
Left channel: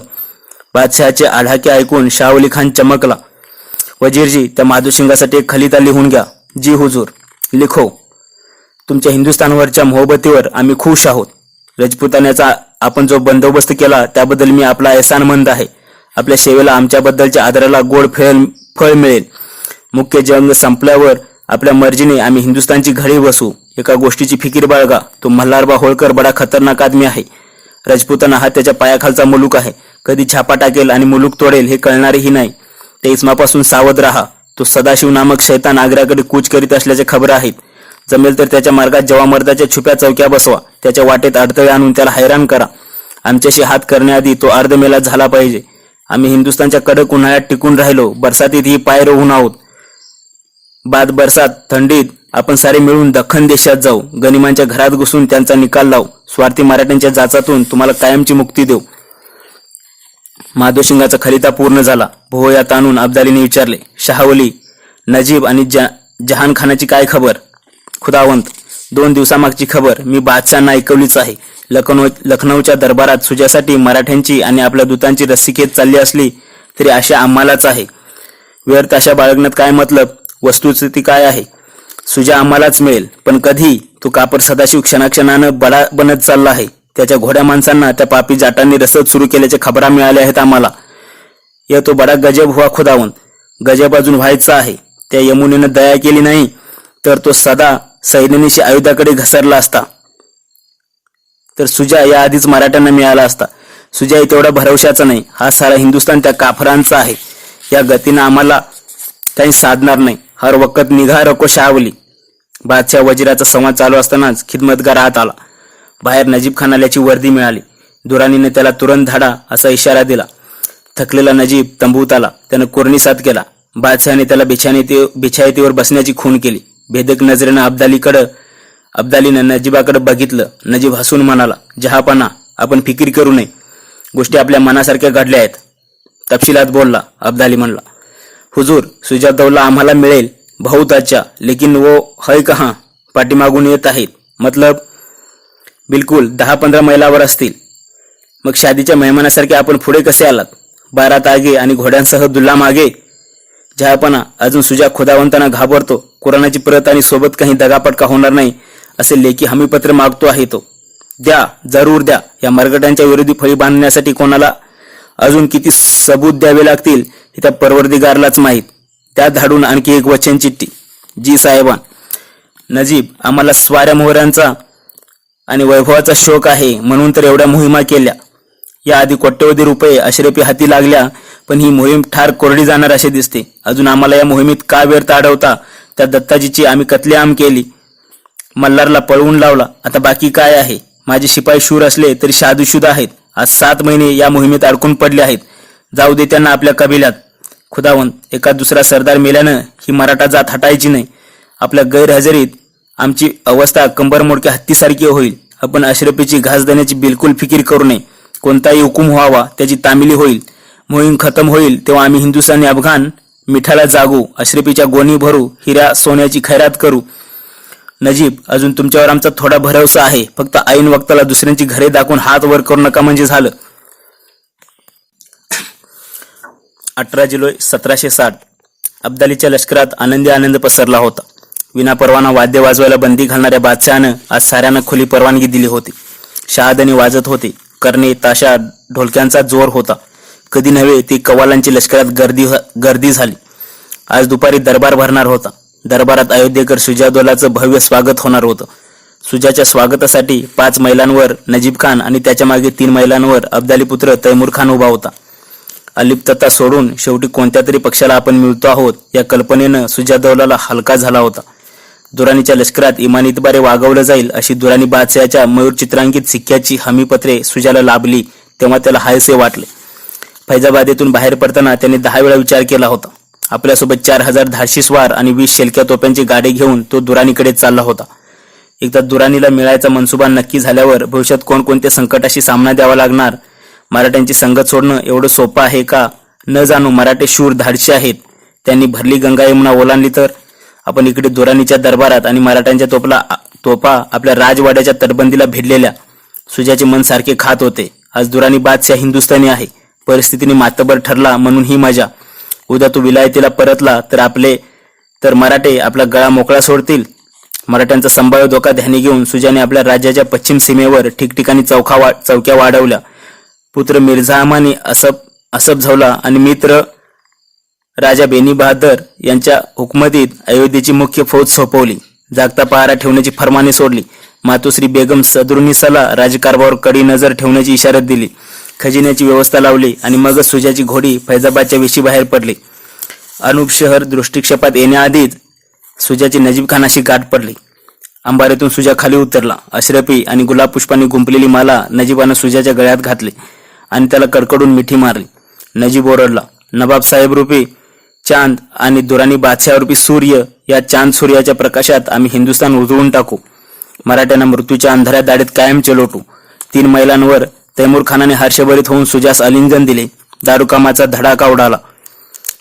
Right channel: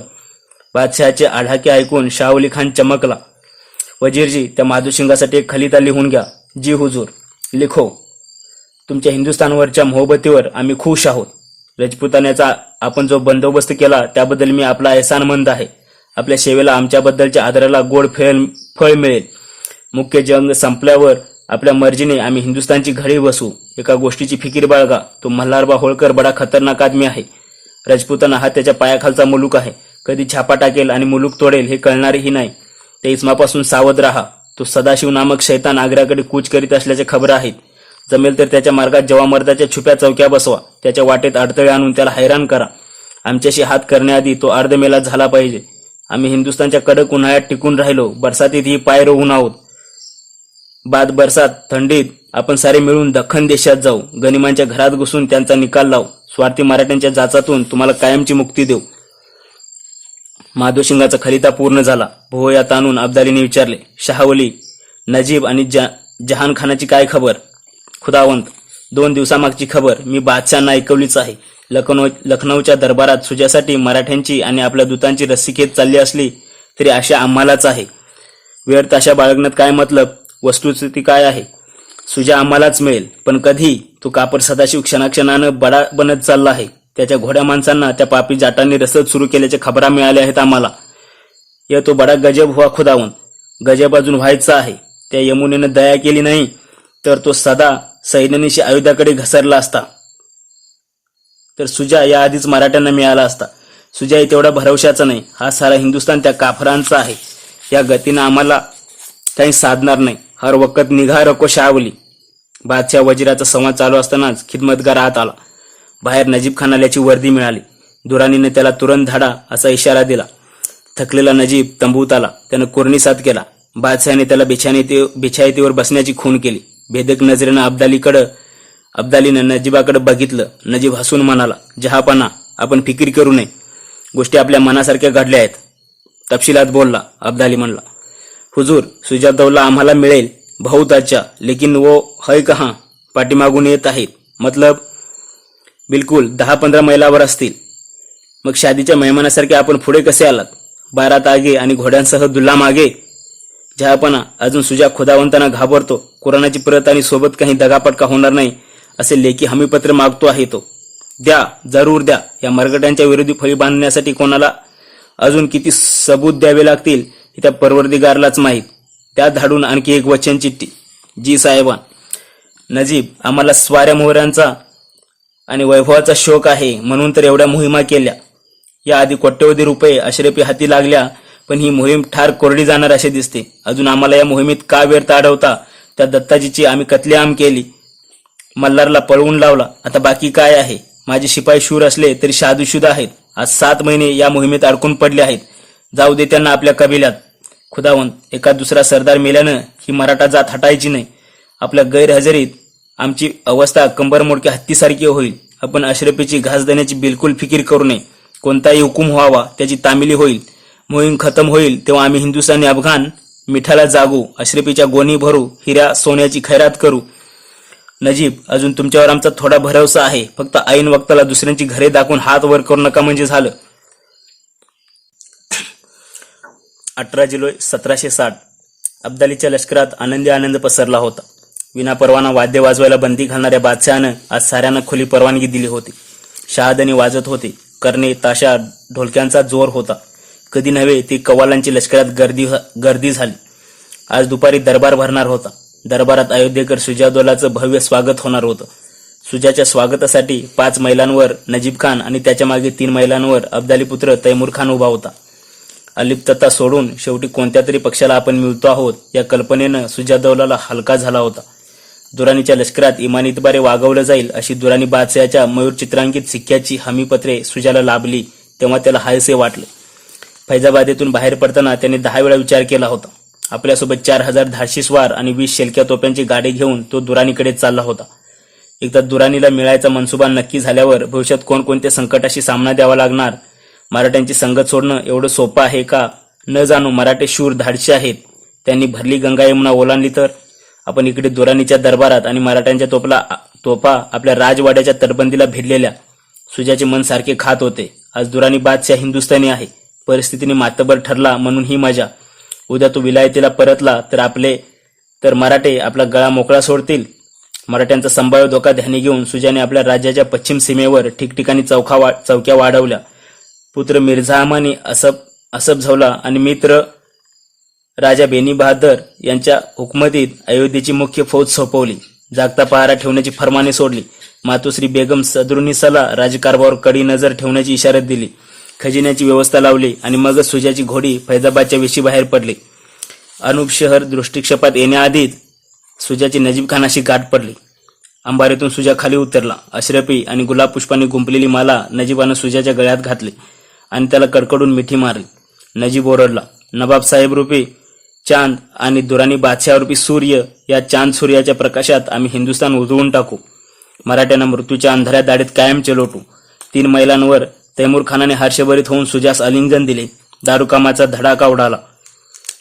बादशहाचे आढाके ऐकून शाहवली खान चमकला. वजीरजी, त्या माधुसिंगासाठी एक खलिता लिहून घ्या. जी हुजूर. लिखो. तुमच्या हिंदुस्थानवरच्या मोहब्बतीवर आम्ही खुश आहोत. राजपुतानाचा आपण जो बंदोबस्त केला त्याबद्दल मी आपला एहसानमंद आहे. आपल्या सेवेला आमच्याबद्दलच्या आदराला गोड फळ मिळेल. मुख्य जंग संपल्यावर आपल्या मर्जीने आम्ही हिंदुस्थानची घडी बसू. एका गोष्टीची फिकीर बाळगा, तो मल्हारबा होळकर बडा खतरनाक आदमी आहे. राजपुताना हा त्याच्या पायाखालचा मुलूक आहे. कधी छापा टाकेल आणि मुलूक तोडेल हे कळणारेही नाही. त्या इस्मापासून सावध राहा. तो सदाशिव नामक शैतान आग्र्याकडे कूच करीत असल्याच्या खबर आहेत. जमेल तर त्याच्या मार्गात जवामर्दाच्या छुप्या चौक्या बसवा. त्याच्या वाटेत अडथळे आणून त्याला हैराण करा. आमच्याशी हात करण्याआधी तो अर्धमेला झाला पाहिजे. आम्ही हिंदुस्थानच्या कडक उन्हाळ्यात टिकून राहिलो, बरसातीतही पाय रोवून आहोत. बाद बरसात थंडीत आपण सारे मिळून दख्खन देशात जाऊ. गनिमांच्या घरात घुसून त्यांचा निकाल लावू. स्वार्थी मराठ्यांच्या जाचातून तुम्हाला कायमची मुक्ती देऊ. माधोसिंगाचा खलिता पूर्ण झाला. भोवयात आणून अब्दालीने विचारले, शाहवली, नजीब आणि जहान खानाची काय खबर. खुदावंत, 2 दिवसामागची खबर मी बादशहांना ऐकवलीच आहे. लखनौच्या दरबारात सुजासाठी मराठ्यांची आणि आपल्या दूतांची रस्सीखेच चालली असली तरी आशा आम्हालाच आहे. व्यर्थ आशा बाळगण्यात काय मतलब. वस्तुस्थिती काय आहे. सुजा आम्हालाच मिळेल, पण कधी. तो कापर सदाशिव क्षणाक्षणानं बडा बनत चालला आहे. त्याच्या घोड्या माणसांना त्या पापी जाटांनी रसद सुरू केल्याच्या खबरा मिळाल्या आहेत आम्हाला. या तो बडा गजब हुआ खुदावंत. गजब अजून व्हायचा आहे. त्या यमुनेनं दया केली नाही तर तो सदा सैन्यानिशी आयुधाकडे घसरला असता. तर सुजा या आधीच मराठ्यांना मिळाला असता. सुजाही तेवढ्या भरवशाचा नाही. हा सारा हिंदुस्थान त्या काफरांचा आहे. या गतीनं आम्हाला काही साधणार नाही. हर वक्त निघा रको शाहवली. बादशाह वजीराचा संवाद चालू असतानाच खिदमतगार आत आला. बाहेर नजीब खान आल्याची वर्दी मिळाली. दुरानीने त्याला तुरंत धाडा असा इशारा दिला. थकलेला नजीब तंबूत आला. त्यानं कुर्णीसाद केला. बादशहाने त्याला बिछायतीवर बसण्याची खूण केली. भेदक नजरेनं अब्दालीनं नजीबाकडे बघितलं. नजीब हसून म्हणाला, जहापना, आपण फिकीर करू नये. गोष्टी आपल्या मनासारख्या घडल्या आहेत. तपशिलात बोलला. अब्दाली म्हणला, हुजूर, सुजादौला आम्हाला मिळेल. बहुत अच्छा, लेकिन वो है कहाँ. पाठीमागून येत आहेत. मतलब. बिलकुल 10-15 मैलावर असतील. मग शादीच्या मेहमानासारखे आपण पुढे कसे आलात. 12 आगे आणि घोड्यांसह दुल्ला मागे. जहापना, अजून सुजा खुदावंतांना घाबरतो. कुराणाची प्रत आणि सोबत काही दगापटका होणार नाही असे लेखी हमीपत्र मागतो आहे तो. द्या, जरूर द्या. या मरगटांच्या विरोधी फळी बांधण्यासाठी कोणाला अजून किती सबूत द्यावे लागतील हे त्या परवरदिगारलाच माहीत. त्या धाडून आणखी एक वचन चिठ्ठी. जी साहेबान. नजीब, आम्हाला स्वाऱ्या मोहऱ्यांचा आणि वैभवाचा शोक आहे म्हणून तर एवढ्या मोहिमा केल्या. या आधी कोट्यवधी रुपये अशरफी हाती लागल्या, पण ही मोहीम ठार कोरडी जाणार असे दिसते. अजून आम्हाला या मोहिमेत का व्यर्थ अडवता. त्या दत्ताजीची आम्ही कत्लेआम केली. मल्हारला पळवून लावला. आता बाकी काय आहे. माझे शिपाई शूर असले तरी शादुशुदा आहेत. आज 7 महिने या मोहिमेत अडकून पडले आहेत. जाऊ दे त्यांना आपल्या कबिल्यात. खुदावंत, एका दुसरा सरदार मेल्यानं ही मराठा जात हटायची नाही. आपल्या गैरहजेरीत आमची अवस्था कंबरमोडक्या हत्तीसारखी होईल. आपण अशरफीची घास देण्याची बिलकुल फिकीर करू नये. कोणताही हुकूम व्हावा त्याची तामिली होईल. मोहीम खतम होईल तेव्हा आम्ही हिंदुस्थानी अफगाण मिठाला जागू. अशरफीच्या गोणी भरू. हिरा सोन्याची खैरात करू. नजीब, अजून तुमच्यावर आमचा थोडा भरवसा आहे. फक्त ऐन वक्ताला दुसऱ्यांची घरे दाखवून हात वर करू नका म्हणजे झालं. 18 जुलै 1760 अब्दालीच्या लष्करात आनंदी आनंद पसरला होता. विनापरवाना वाद्य वाजवायला बंदी घालणाऱ्या बादशहानं आज साऱ्यांना खुली परवानगी दिली होती. शहादणी वाजत होते. करणे, ताशा, ढोलक्यांचा जोर होता. कधी नव्हे ती कव्वालांची लष्करात गर्दी झाली. आज दुपारी दरबार भरणार होता. दरबारात अयोध्येकर सुजादौलाचं भव्य स्वागत होणार होतं. सुजाच्या स्वागतासाठी 5 मैलांवर नजीब खान आणि त्याच्या मागे 3 मैलांवर अब्दाली पुत्र तैमूर खान उभा होता. अलिप्तता सोडून शेवटी कोणत्या तरी पक्षाला आपण मिळतो आहोत या कल्पनेनं सुजादौलाला हलका झाला होता. दुराणीच्या लष्करात इमानीतबारे वागवलं जाईल अशी दुराणी बादशहाच्या मयूर चित्रांकित सिक्क्याची हमीपत्रे सुजाला लाभली तेव्हा त्याला हायसे वाटले. फैजाबादेतून बाहेर पडताना त्यांनी 10 वेळा विचार केला होता. आपल्यासोबत 4000 धाडशी स्वार आणि 20 शेलक्या तोप्यांची गाडी घेऊन तो दुराणीकडे चालला होता. एकदा दुराणीला मिळायचा मनसुबा नक्की झाल्यावर भविष्यात कोणकोणत्या संकटाशी सामना द्यावा लागणार, मराठ्यांची संगत सोडणं एवढं सोपं आहे का न जाणू मराठे शूर धाडशी आहेत. त्यांनी भरली गंगा यमुना ओलांडली तर आपण इकडे दुराणीच्या दरबारात आणि मराठ्यांच्या तोफा आपल्या राजवाड्याच्या तटबंदीला भिडलेल्या. सुजाचे मन सारखे खात होते. आज दुराणी बादशाह हिंदुस्थानी आहे. परिस्थितीने मातबर ठरला म्हणून ही मजा. उद्या तो विलायतीला परतला तर मराठे आपला गळा मोकळा सोडतील. मराठ्यांचा संभाव्य धोका ध्यानी घेऊन सुजाने आपल्या राज्याच्या पश्चिम सीमेवर ठिकठिकाणी चौक्या वाढवल्या. पुत्र मिर्झा अमानी असफ झवला आणि मित्र राजा बेनी बहादर यांच्या हुकमतीत अयोध्येची मुख्य फौज सोपवली. जागता पहारा ठेवण्याची फरमाने सोडली. मातोश्री बेगम सदरुनिसाला राजकारभारावर कडी नजर ठेवण्याची इशारत दिली. खजिन्याची व्यवस्था लावली आणि मगच सुजाची घोडी फैजाबादच्या वेशी बाहेर पडली. अनूप शहर दृष्टिक्षेपात येण्याआधीच सुजाची नजीब खानाशी गाठ पडली. अंबारीतून सुजा खाली उतरला. अशरफी आणि गुलाब पुष्पांनी गुंपलेली माला नजीबानं सुजाच्या गळ्यात घातली आणि त्याला कडकडून मिठी मारली. नजीब ओरडला, नवाब साहेब रूपी चांद आणि दुराणी बादशाह रूपी सूर्य, या चांद सूर्याच्या प्रकाशात आम्ही हिंदुस्थान उजळून टाकू. मराठ्यांना मृत्यूच्या अंधाऱ्या दाढीत कायम चलोटू. 3 मैलांवर तैमूर खानाने हर्षभरीत होऊन सुजास आलिंगन दिले. दारुकामाचा धडाका उडाला.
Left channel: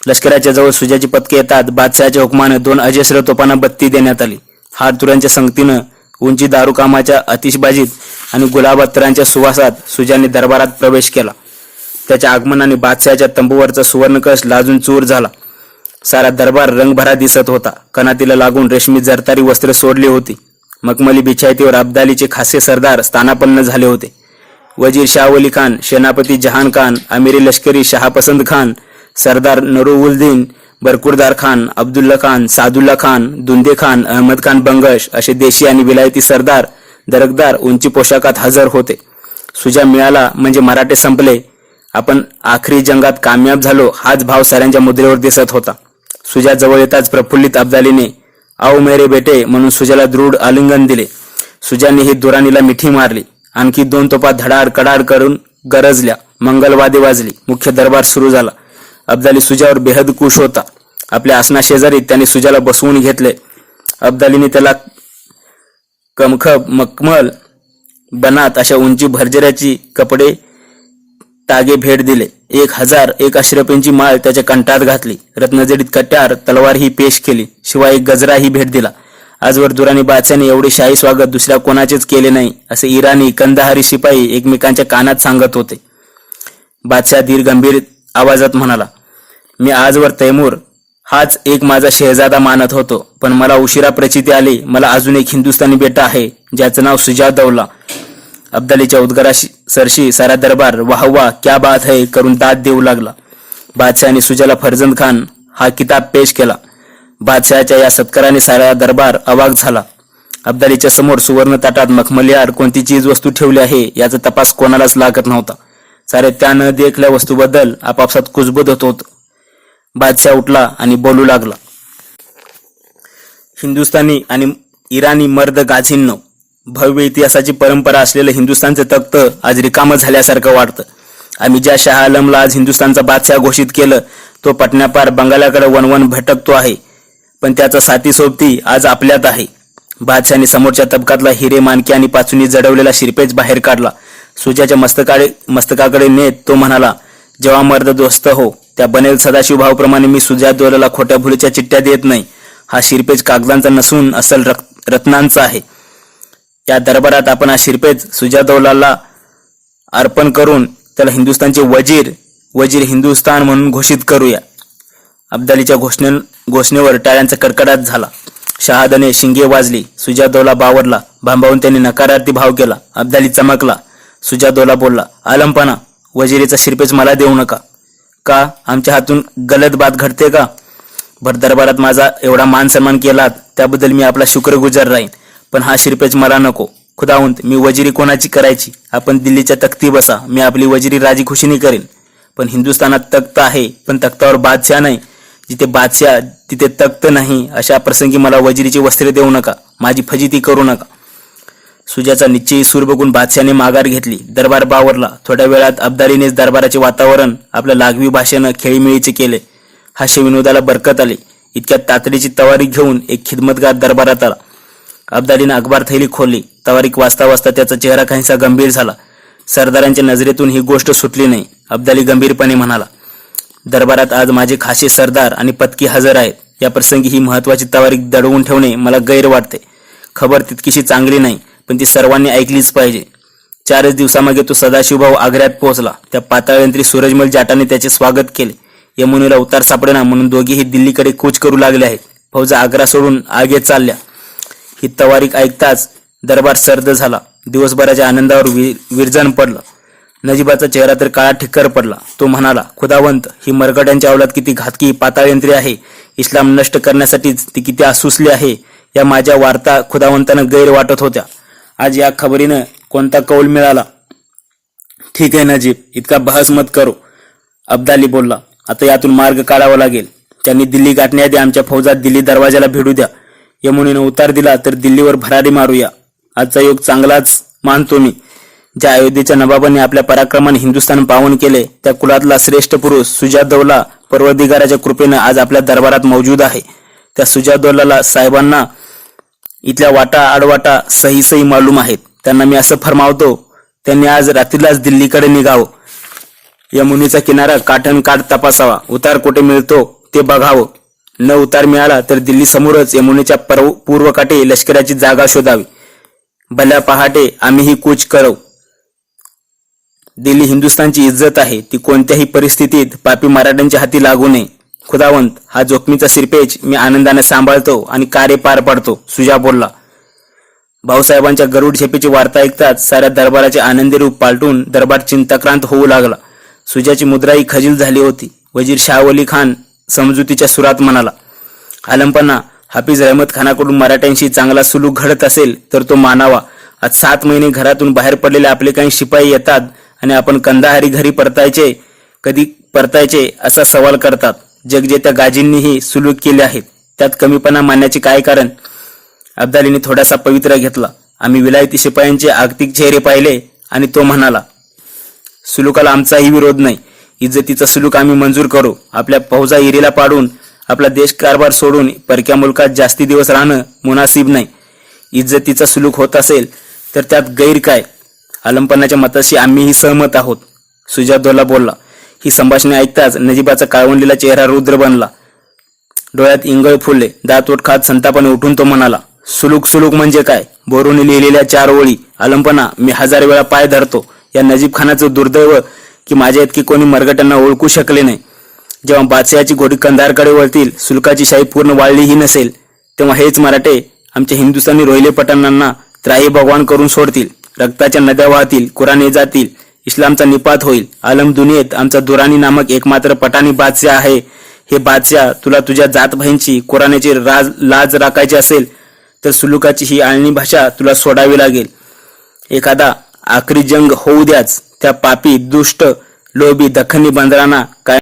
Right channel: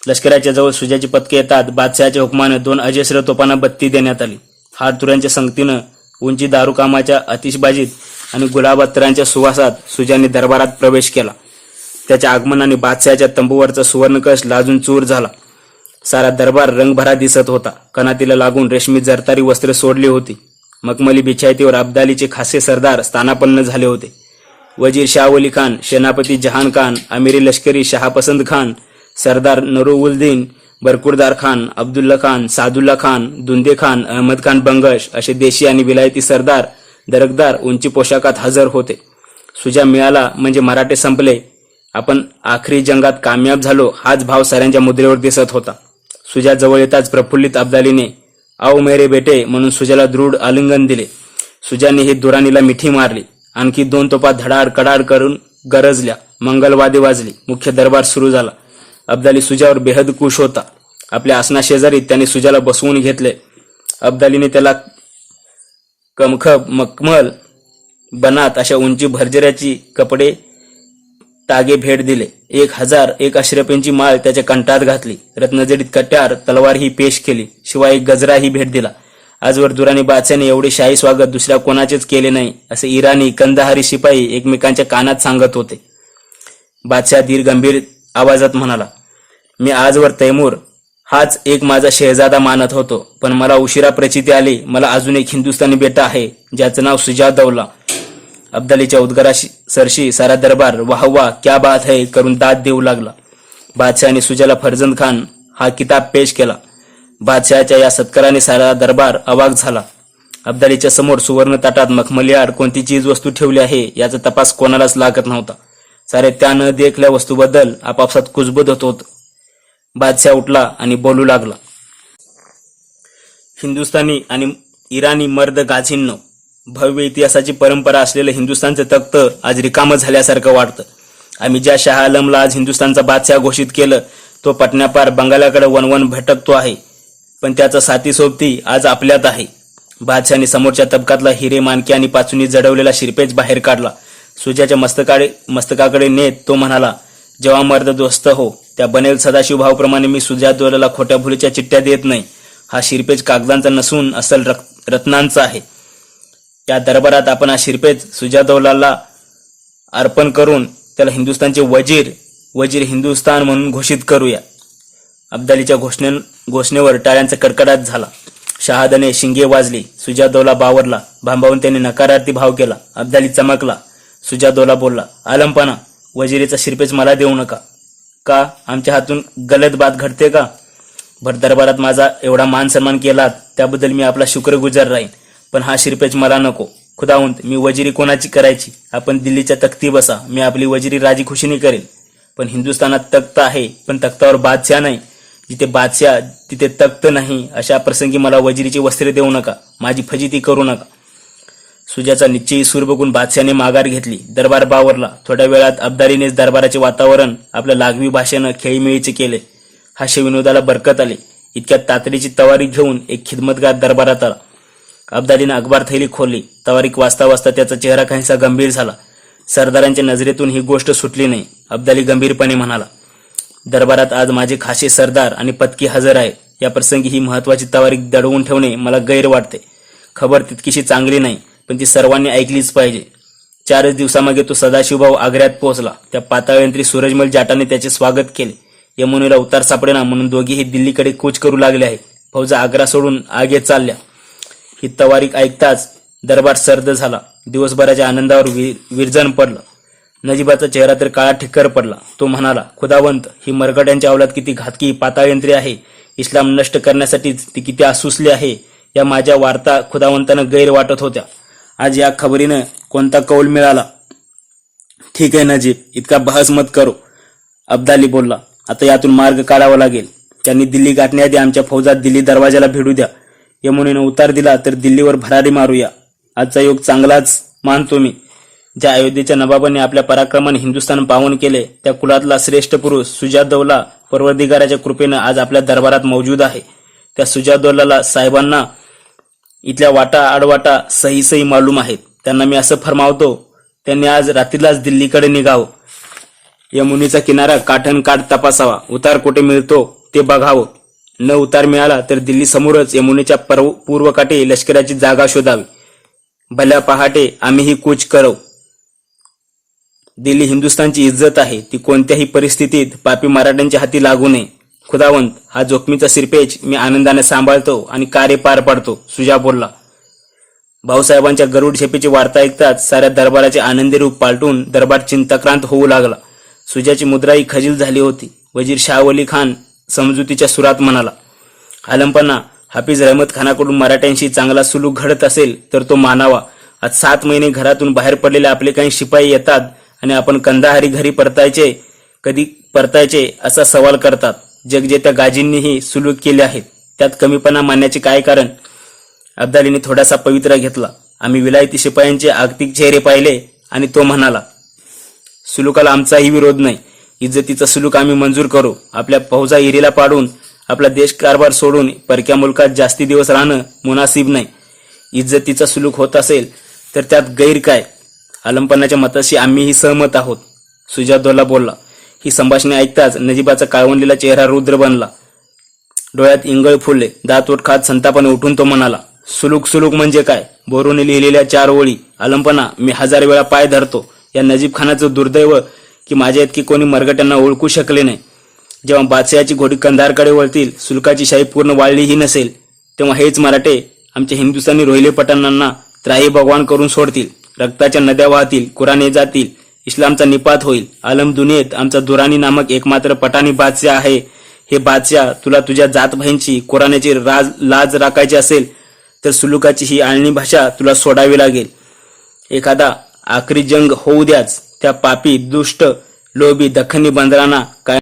लष्कराच्या जवळ सुजाची पथके येतात बादशहाच्या हुकमानं 2 अजस्र तोफांना बत्ती देण्यात आली. हारतुऱ्यांच्या संगतीनं उंची दारुकामाच्या आतिषबाजीत आणि गुलाब अत्तरांच्या सुवासात सुजाने दरबारात प्रवेश केला. त्याच्या आगमनाने बादशहाच्या तंबूवरचा सुवर्णकश लाजून चूर झाला. सारा दरबार रंगभरा दिसत होता. कनातीला लागून रेशमी जरतारी वस्त्रे सोडली होती. मखमली बिछायतीवर अब्दालीचे खासे सरदार स्थानापन्न झाले होते. वजीर शाहवली खान, सेनापती जहान खान, अमीरी लष्करी शहापसंद खान, सरदार नरुउद्दीन बरकुरदार खान, अब्दुल्ला खान, सादुल्ला खान, दुंदे खान, अहमद खान बंगश असे देशी आणि विलायती सरदार दरकदार उंची पोशाखात हजर होते. सुजा मिळाला म्हणजे मराठे संपले. आपण आखरी जंगात कामयाब झालो हाच भाव साऱ्यांच्या मुद्रेवर दिसत होता. सुजा जवळ येताच प्रफुल्लित अब्दालीने आओ मेरे बेटे म्हणून सुजाला दृढ आलिंगन दिले. सुजाने ही दुराणीला मिठी मारली. आणखी 2 तोफा धडाड कडाड करून गरजल्या. मंगलवादी वाजली. मुख्य दरबार सुरू झाला. अब्दाली सुजावर बेहद खुश होता. आपल्या आसनाशेजारी त्याने सुजाला बसवून घेतले. अब्दालीने त्याला कमखब मखमल बनात अशा उंची भरजऱ्याची कपडे तागे भेट दिले. 1001 अशरफींची माळ त्याच्या कंठात घातली. रत्नजडीत कट्यार तलवार ही पेश केली. शिवाय एक गजरा ही भेट दिला. आजवर दुराणी बादशाने एवढे शाही स्वागत दुसऱ्या कोणाचेच केले नाही असे इराणी कंदाहारी शिपाई एकमेकांच्या कानात सांगत होते. बादशाह धीर गंभीर आवाजात म्हणाला, मी आजवर तैमूर हाच एक माझा शहजादा मानत होतो, पण मला उशिरा प्रचिती आली. मला अजून एक हिंदुस्थानी बेटा आहे ज्याचं नाव सुजादौला. अब्दालीच्या उद्गाराशी सरशी सारा दरबार वाह वाह क्या बात है करून दाद देऊ लागला. बादशहाने सुजाला फर्जंद खान हा किताब पेश केला. बादशहाच्या या सत्काराने सारा दरबार अवाक झाला. अब्दालीच्या समोर सुवर्ण ताटात मखमलीआड कोणती चीज वस्तू ठेवली आहे याचा तपास कोणालाच लागत नव्हता. सारे त्या न देखल्या वस्तूबद्दल आपापसात कुजबुज होत होत. बादशाह उठला आणि बोलू लागला, हिंदुस्थानी आणि इराणी मर्द गाझींनो, भव्य इतिहासाची परंपरा असलेलं हिंदुस्थानचं तख्त आज रिकामं झाल्यासारखं वाटतं. आम्ही ज्या शाह आलमला आज हिंदुस्थानचा बादशाह घोषित केलं तो पटण्यापार बंगालाकडे वनवन भटकतो आहे, पण त्याचा साथी सोबती आज आपल्यात आहे. बादशाहने समोरच्या तबकातला हिरे मानके आणि पाचुनी जडवलेला शिरपेच बाहेर काढला. सुजाच्या मस्तकाकडे नेत तो म्हणाला, जेव्हा मर्द दोस्त हो त्या बनेल सदाशिवभावप्रमाणे मी सुजादौलाला खोट्या भुलीच्या चिठ्ठ्या देत नाही. हा शिरपेच कागदांचा नसून असल रत्नांचा आहे. त्या दरबारात आपण हा शिरपेच सुजादौलाला अर्पण करून त्याला हिंदुस्थानचे वजीर हिंदुस्थान म्हणून घोषित करूया. अब्दालीच्या घोषणेवर टाळ्यांचा कडकडाट झाला. शहादाने शिंगे वाजली. सुजादौला बावरला. भांबावून त्यांनी नकारार्थी भाव केला. अब्दाली चमकला. सुजादौला बोलला, आलमपणा, वजिरीचा शिरपेच मला देऊ नका. का आमच्या हातून गलत बात घडते का? भर दरबारात माझा एवढा मान सन्मान केलात त्याबद्दल मी आपला शुक्रगुजार राहीन, पण हा शिरपेच मला नको. खुदावंत, मी वजिरी कोणाची करायची? आपण दिल्लीच्या तख्ती बसा, मी आपली वजिरी राजी खुशीने करेन. पण हिंदुस्थानात तख्त आहे पण तख्तावर बादशाह नाही. जिथे बादशाह तिथे तख्त नाही. अशा प्रसंगी मला वजिरीची वस्त्रे देऊ नका. माझी फजिती करू नका. सुजाचा निश्चयी सूर बघून बादशाने माघार घेतली. दरबार बावरला. थोड्या वेळात अब्दालीनेच दरबाराचे वातावरण आपल्या लागवी भाषेनं खेळीमेळीचे केले. हास्यविनोदाला बरकत आली. इतक्यात तातडीची तवारीख घेऊन एक खिदमतगार दरबारात आला. अब्दालीने अखबार थैली खोलली. तवारीख वाचता वाचता त्याचा चेहरा काहीसा गंभीर झाला. सरदारांच्या नजरेतून ही गोष्ट सुटली नाही. अब्दाली गंभीरपणे म्हणाला, दरबारात आज माझे खासे सरदार आणि पत्की हजर आहेत. या प्रसंगी ही महत्वाची तवारीख दडवून ठेवणे मला गैर वाटते. खबर तितकीशी चांगली नाही, पण ती सर्वांनी ऐकलीच पाहिजे. 4च दिवसामागे तो सदाशिवभाऊ आग्र्यात पोहोचला. त्या पाताळयंत्री सूरजमल जाटाने त्याचे स्वागत केले. यमुनेला उतार सापडेना म्हणून दोघेही दिल्लीकडे कूच करू लागले आहेत. फौजा आग्रा सोडून आगे चालल्या. ही तवारीख ऐकताच दरबार सर्द झाला. दिवसभराच्या आनंदावर विरजण पडलं. नजीबाचा चेहरा तर काळा ठिक्कर पडला. तो म्हणाला, खुदावंत, ही मरकटांच्या अवलाद किती घातकी पाताळयंत्री आहे. इस्लाम नष्ट करण्यासाठीच ती किती आसुसली आहे. या माझ्या वार्ता खुदावंतांना गैर वाटत होत्या. आज या खबरीनं कोणता कौल मिळाला. ठीक आहे नजीब, इतका बहस मत करो, अब्दाली बोलला. आता यातून मार्ग काढावा लागेल. त्यांनी दिल्ली गाठण्याआधी आमच्या फौजात दिल्ली दरवाजाला भिडू द्या. यमुनेनं उतार दिला तर दिल्लीवर भरारी मारूया. आजचा योग चांगलाच मानतो मी. ज्या अयोध्येच्या नवाबांनी आपल्या पराक्रमाने हिंदुस्थान पावन केले, त्या कुलातला श्रेष्ठ पुरुष सुजादौला परवदिगाराच्या कृपेनं आज आपल्या दरबारात मौजूद आहे. त्या सुजादौला साहेबांना इथल्या वाटा आडवाटा सही सही मालूम आहेत. त्यांना मी असं फरमावतो, त्यांनी आज रात्रीलाच दिल्लीकडे निघावं. यमुनेचा किनारा काठनकाठ तपासावा. उतार कुठे मिळतो ते बघावं. न उतार मिळाला तर दिल्ली समोरच यमुनेच्या पूर्व काठी लष्कराची जागा शोधावी. भल्या पहाटे आम्हीही कूच करऊ. दिल्ली हिंदुस्थानची इज्जत आहे. ती कोणत्याही परिस्थितीत पापी मराठ्यांच्या हाती लागू नये. खुदावंत, हा जोखमीचा सिरपेच मी आनंदाने सांभाळतो आणि कार्य पार पाडतो, सुजा बोलला. भाऊसाहेबांच्या गरुड झेपेची वार्ता ऐकताच साऱ्या दरबाराचे आनंदी रूप पालटून दरबार चिंताक्रांत होऊ लागला. सुजाची मुद्राही खजील झाली होती. वजीर शाहवली खान समजुतीच्या सुरात म्हणाला, आलमपणा, हाफिज रहमत खानाकडून मराठ्यांशी चांगला सुलूक घडत असेल तर तो मानावा. आज 7 महिने घरातून बाहेर पडलेले आपले काही शिपाई येतात आणि आपण कंदाहारी घरी कधी परतायचे असा सवाल करतात. जगजेत्या गाजींनीही सुलूक केले आहेत. त्यात कमीपणा मानण्याचे काय कारण. अब्दालीने थोडासा पवित्रा घेतला. आम्ही विलायती शिपायांचे आगतिक चेहरे पाहिले आणि तो म्हणाला, सुलूकाला आमचाही विरोध नाही. इज्जतीचा सुलूक आम्ही मंजूर करू. आपल्या फौजा इरीला पाडून आपला देश कारभार सोडून परक्या मुलकात जास्ती दिवस राहणं मुनासिब नाही. इज्जतीचा सुलूक होत असेल तर त्यात गैर काय. आलमपणाच्या मताशी आम्हीही सहमत आहोत, सुजादौला बोलला. ही संभाषणे ऐकताच नजीबाचा काळवंडलेला चेहरा रुद्र बनला. डोळ्यात इंगळ फुलले. दात ओठ खात संतापाने उठून तो म्हणाला, सुलूक सुलूक म्हणजे काय. बोरून लिहिलेल्या 4 ओळी. आलमपणा, मी 1000 वेळा पाय धरतो. या नजीब खानाचं दुर्दैव की माझ्या इतकी कोणी मरगटांना ओळखू शकले नाही. जेव्हा बादशहाची घोडी कंधारकडे वळतील, सुलकाची शाही पूर्ण वाळलीही नसेल, तेव्हा हेच मराठे आमच्या हिंदुस्थानी रोहिले पठाणांना त्राही भगवान करून सोडतील. रक्ताच्या नद्या वाहतील, कुराणे जातील, इस्लामचा निपात होईल. आलम दुनियेत आमचा दुराणी नामक एकमात्र पठाणी बादशाह आहे. हे बादशाह, तुला तुझ्या जातभाईंची कुराणाची लाज राखायची असेल तर सुलुकाची ही आळणी भाषा तुला सोडावी लागेल. एखादा आखरी जंग होऊ द्याच. त्या पापी दुष्ट लोभी दख्खनी बंदरांना काय